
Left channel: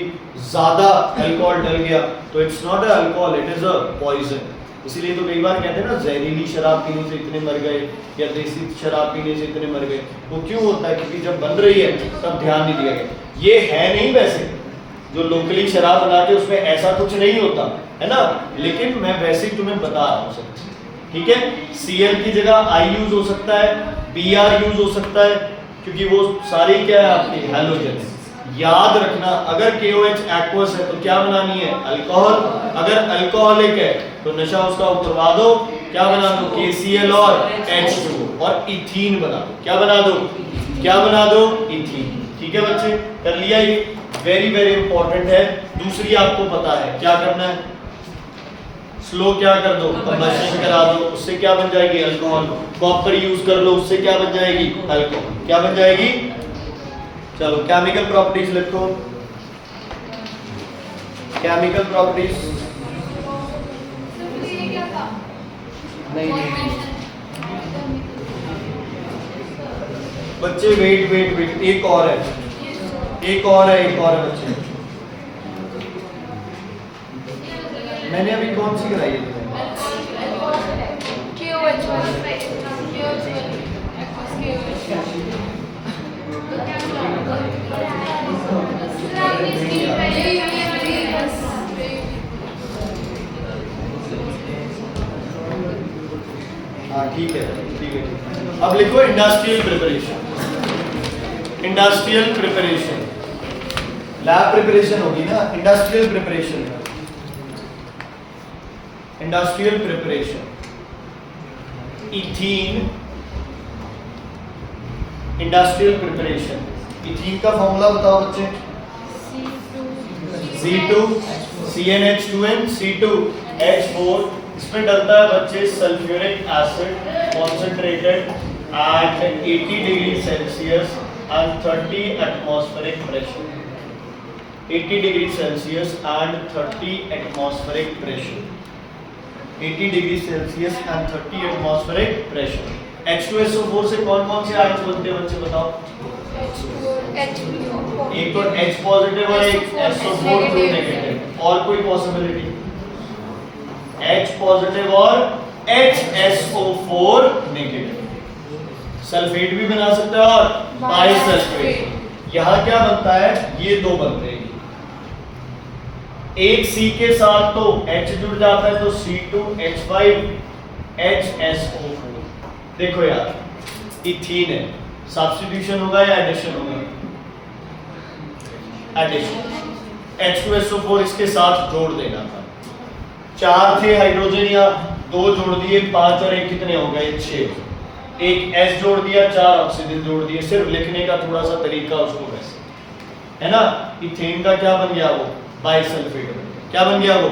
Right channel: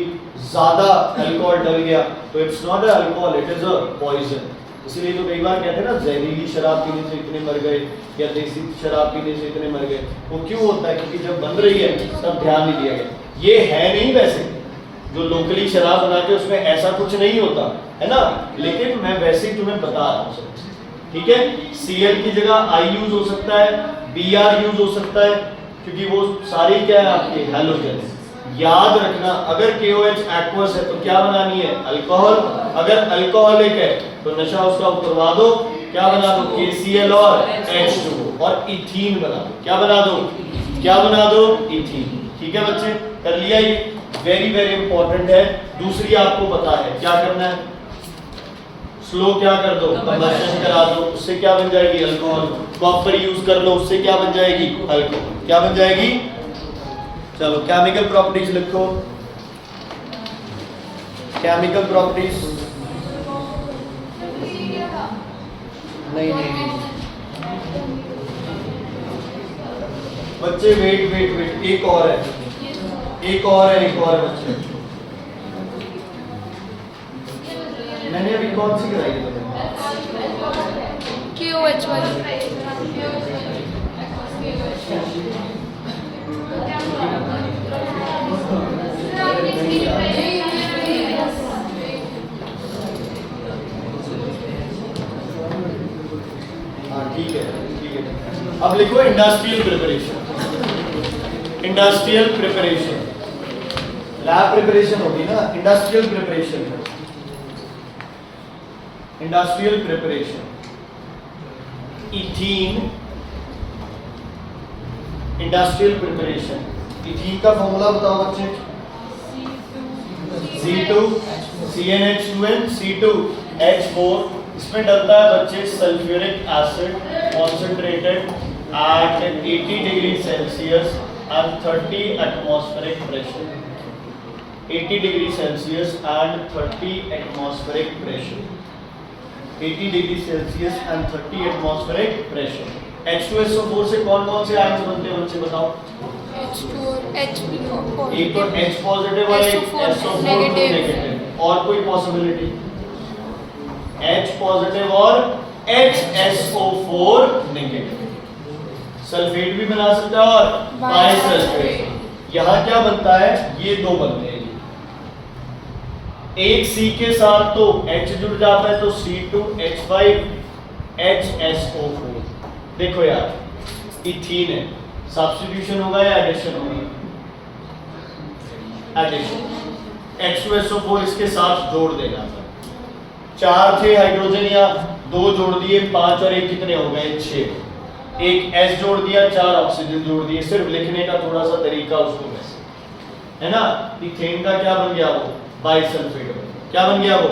ज़्यादा अल्कोहल डल गया, तो it's not a alcohol, it is a poison. इसीलिए तो कई बार कहते हैं ना जहरीली शराब पीने से इतने मर गए, या देसी शराब पीने से इतने मर गए। वो क्यों होता है? क्योंकि जब बन रही है तब ध्यान नहीं दिया गया। ये है नहीं वैसे, जो लोकली शराब बनाते हैं उसमें ऐसा कुछ नहीं होता है ना, लेकिन मैं वैसे ही तुम्हें बता रहा हूँ सब। ठीक है, Cl की जगह I यूज हो सकता है, Br यूज हो सकता है, क्योंकि वो सारी क्या है आपके हैलोजन। याद रखना, अगर KOH एक्वस है तो क्या बनानी है? अल्कोहल। अगर अल्कोहलिक है तो नशा उसका उतरवा दो, क्या बना दो? KCl और H2O और इथीन बना दो। क्या बना दो? क्या बना दो? इथीन। ठीक है बच्चे, कर लिया? ये वेरी वेरी इंपॉर्टेंट है। दूसरी आपको पता है क्या करना है? स्लो क्या कर दो? कंबशन करा दो, उससे क्या बन जाएगी? अल्कोहल। कॉपर यूज कर लो, उससे क्या बन जाएगी? अल्कोहल। क्या बन जाएगी? चलो केमिकल प्रॉपर्टीज लिखो। केमिकल प्रॉपर्टीज नहीं बच्चे, वेट वेट वेट, एक और है, एक और है, एक और बच्चे। मैंने अभी कौन सी कराई है? हाँ ठीक है, ठीक है। अब लिखो industrial preparation. Industrial preparation, lab preparation होगी ना, industrial preparation. Industrial preparation, ethene, industrial preparation. Ethene का फॉर्मूला बताओ बच्चे। C2 CnH2n C2H4। इसमें डलता है बच्चे sulphuric acid concentrated at 80 degree Celsius and 30 atmospheric pressure. 80 degree Celsius and 30 atmospheric pressure. 80 degree Celsius and 30 atmospheric pressure. H2SO4 से कौन कौन से आयंस बनते हैं बच्चे बताओ? एक तो H पॉजिटिव और एक SO4 नेगेटिव। और कोई पॉसिबिलिटी? H पॉजिटिव और HSO4 नेगेटिव। सल्फेट भी बना सकता है और बाइसल्फेट। यहाँ क्या बनता है? ये दो बनते हैं। एक C के साथ तो H जुड़ जाता है तो C2H5HSO4। देखो यार इथीन है, सब्स्टिट्यूशन होगा या एडिशन होगा? एडिशन। H2SO4 इसके साथ जोड़ देना था। 4 थे हाइड्रोजन या 2 जोड़ दिए, 5 और 1 कितने हो गए? 6। एक S जोड़ दिया, 4 ऑक्सीजन जोड़ दिए। सिर्फ लिखने का थोड़ा सा तरीका उसको वैसे है ना। इथेन का क्या बन गया? वो बाइसल्फेट। क्या बन गया? वो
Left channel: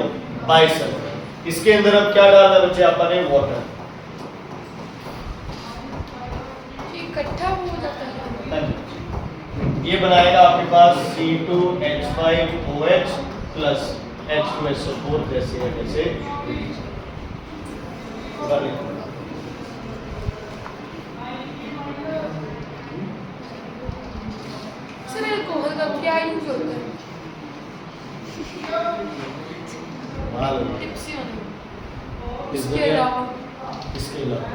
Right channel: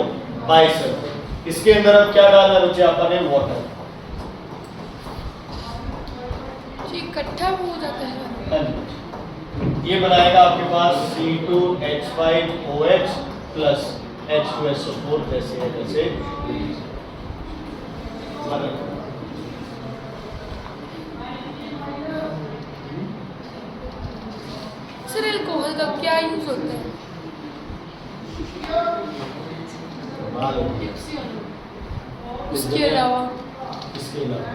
बाइसल्फेट। इसके अंदर अब क्या डालना बच्चे आपने? वाटर। इकट्ठा हो जाता है। हाँ जी। ये बनाएगा आपके पास C2H5OH प्लस H2SO4 जैसे है जैसे। सर अल्कोहल का क्या यूज होता है? इसके अलावा इसके अलावा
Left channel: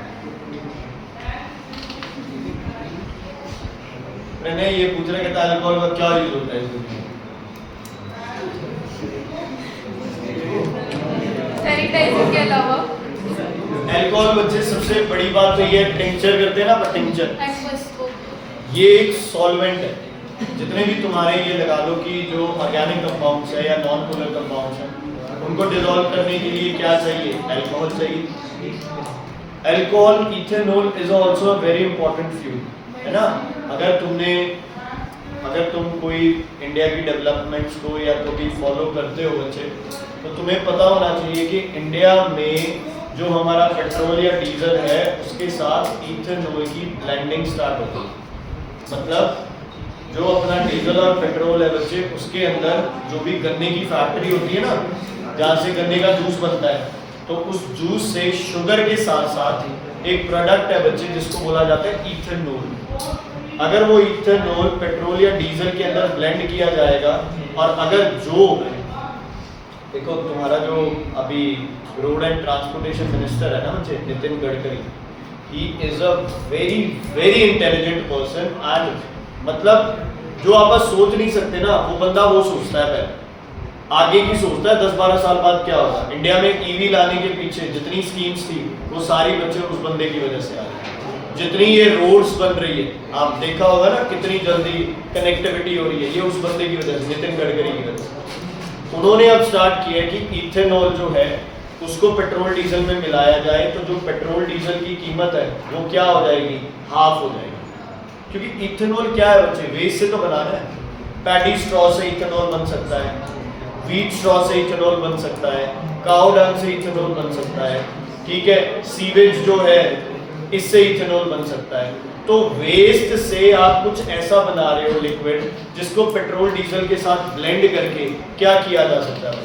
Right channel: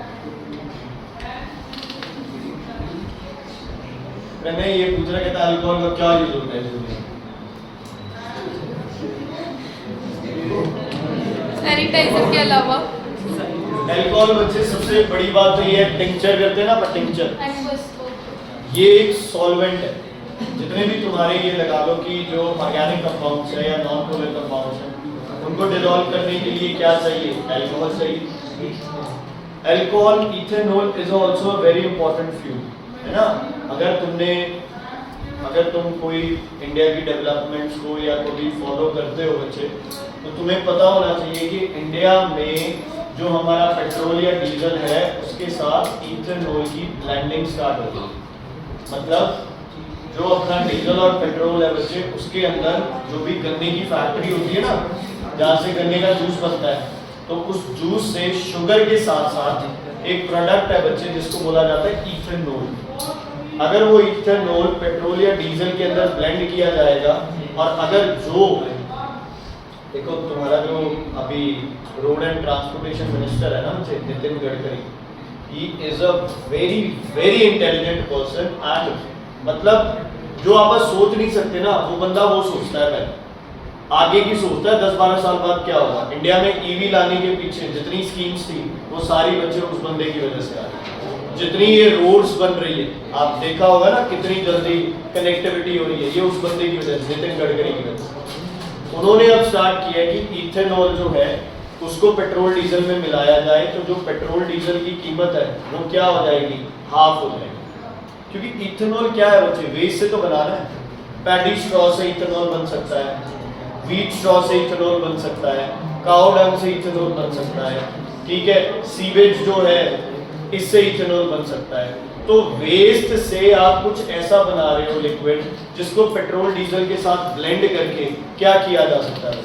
मैंने ये पूछ रहा कहता अल्कोहल का क्या यूज होता है इस दुनिया में? सैनिटाइजर के अलावा अल्कोहल बच्चे सबसे बड़ी बात तो ये है, टिंचर करते हैं ना, टिंचर ये एक सॉल्वेंट है। जितने भी तुम्हारे ये लगा लो कि जो ऑर्गेनिक कंपाउंड्स है या नॉन पोलर कंपाउंड्स हैं, उनको डिसॉल्व करने के लिए क्या चाहिए? अल्कोहल चाहिए। Alcohol ethanol is also a very important fuel, है ना। अगर तुम कोई इंडिया की डेवलपमेंट्स को या कभी फॉलो करते हो बच्चे, तो तुम्हें पता होना चाहिए कि इंडिया में जो हमारा पेट्रोल या डीजल है उसके साथ इथेनॉल की ब्लेंडिंग स्टार्ट हो गई। मतलब जो अपना डीजल और पेट्रोल है बच्चे, उसके अंदर जो भी गन्ने की फैक्ट्री होती है ना, जहाँ से गन्ने का जूस बनता है, तो उस जूस से शुगर के साथ साथ एक प्रोडक्ट है बच्चे जिसको बोला जाता है इथेनॉल। अगर वो इथेनॉल पेट्रोल या डीजल के अंदर ब्लेंड किया जाएगा, और अगर जो देखो तुम्हारा जो अभी रोड एंड ट्रांसपोर्टेशन मिनिस्टर है ना बच्चे, Nitin Gadkari, he is a very very intelligent person. And मतलब जो आप सोच नहीं सकते ना, वो बंदा वो सोचता है पहले, आगे की सोचता है 10-12 साल बाद क्या होगा। इंडिया में ईवी लाने के पीछे जितनी स्कीम्स थी वो सारी बच्चे उस बंदे की वजह से आ रही। जितनी ये रोड्स बन रही है, आप देखा होगा ना कितनी जल्दी कनेक्टिविटी हो रही है, ये उस बंदे की वजह से, नितिन गडकरी की वजह से। उन्होंने अब स्टार्ट किया कि इथेनॉल जो है उसको पेट्रोल डीजल में मिलाया जाए, तो जो पेट्रोल डीजल की कीमत है वो क्या हो जाएगी? हाफ हो जाएगी। क्योंकि इथेनॉल क्या है बच्चे? वेस्ट से तो बनाना है। पैडी स्ट्रॉ से इथेनॉल बन सकता है, व्हीट स्ट्रॉ से इथेनॉल बन सकता है, काउ डंग से इथेनॉल बन सकता है, ठीक है, सीवेज जो है इससे इथेनॉल बन सकता है। तो वेस्ट से आप कुछ ऐसा बना रहे हो लिक्विड जिसको पेट्रोल डीजल के साथ ब्लेंड करके क्या किया जा सकता है?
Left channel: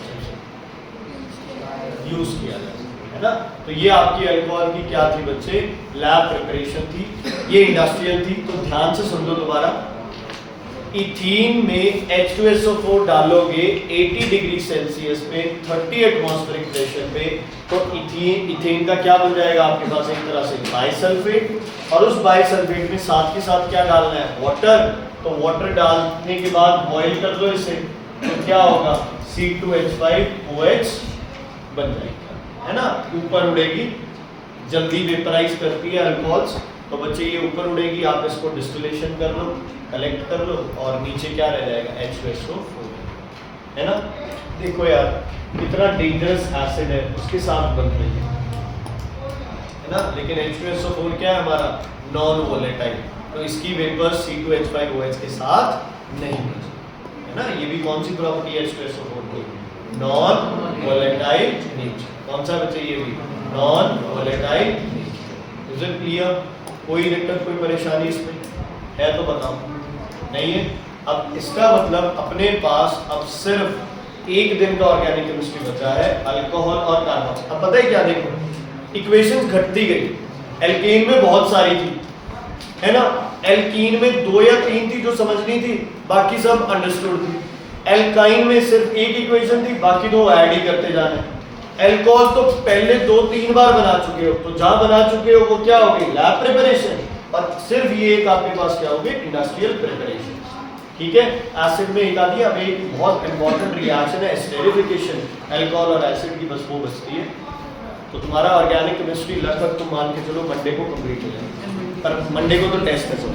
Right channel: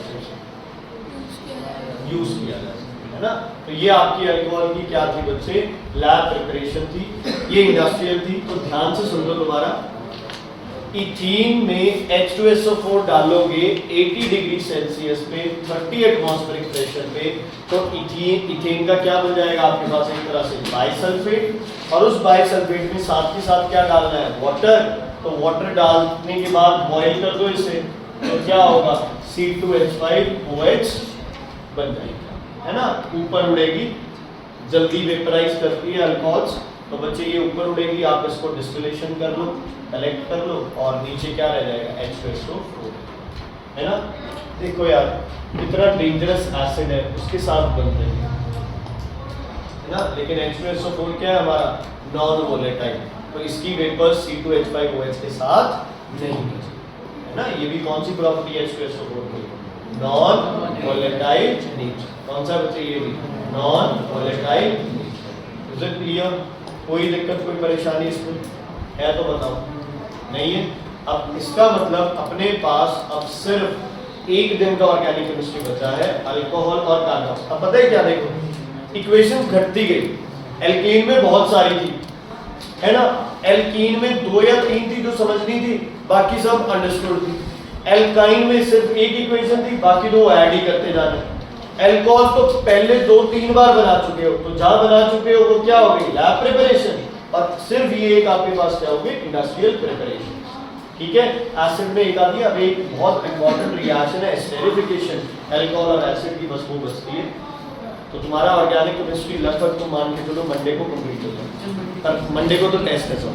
यूज किया जा सकता है ना। तो ये आपकी अल्कोहल की क्या थी बच्चे? लैब प्रिपरेशन थी, ये इंडस्ट्रियल थी। तो ध्यान से सुन लो दोबारा। इथीन में H2SO4 डालोगे 80 डिग्री सेल्सियस पे 30 एटमॉस्फेरिक प्रेशर पे, तो इथेन का क्या बन जाएगा आपके पास? एक तरह से बाइसल्फेट। और उस बाइसल्फेट में साथ के साथ क्या डालना है? वाटर। तो वाटर डालने के बाद बॉईल कर दो इसे, तो क्या होगा? C2H5OH बन जाएगी, है ना। ऊपर उड़ेगी, जल्दी वेपराइज करती है अल्कोहल्स, तो बच्चे ये ऊपर उड़ेगी। आप इसको डिस्टिलेशन कर लो, कलेक्ट कर लो, और नीचे क्या रह जाएगा? H2SO4, है ना। देखो यार कितना डेंजरस एसिड है, उसके साथ बन रही है ना। लेकिन H2SO4 क्या है हमारा? नॉन वोलेटाइल, तो इसकी वेपर C2H5OH के साथ नहीं है ना। ये भी कौन सी प्रॉपर्टी है H2SO4 की? Non volatile nature. कौन सा बच्चे? ये भी नॉन वोलेटाइल नेचर। क्लियर? कोई दिक्कत, कोई परेशानी इसमें है तो बताओ। नहीं है? अब इसका मतलब अपने पास अब सिर्फ एक दिन का ऑर्गेनिक केमिस्ट्री बचा है, अल्कोहल और कार्बन। अब पता है क्या? देखो इक्वेशन घटती गई। एल्केन में बहुत सारी थी, है ना। एल्कीन में 2 या 3 थी जो समझनी थी, बाकी सब अंडरस्टूड थी। एल्काइन में सिर्फ एक इक्वेशन थी, बाकी 2 ऐड ही करते जाना। अल्कोहल तो पहले 2-3 बार बना चुके हो, तो जहां बना चुके हो वो क्या हो गई? Lab preparation. और सिर्फ ये एक आपके पास क्या होगी? Industrial preparation. ठीक है, एसिड में एक आती है। अब एक बहुत इंपॉर्टेंट रिएक्शन है एस्टेरिफिकेशन, अल्कोहल और एसिड की बस वो बचती है। तो तुम्हारा ऑर्गेनिक केमिस्ट्री लगभग तुम मान के चलो मंडे को कंप्लीट हो जाएगा, पर मंडे को तो टेस्ट है सब।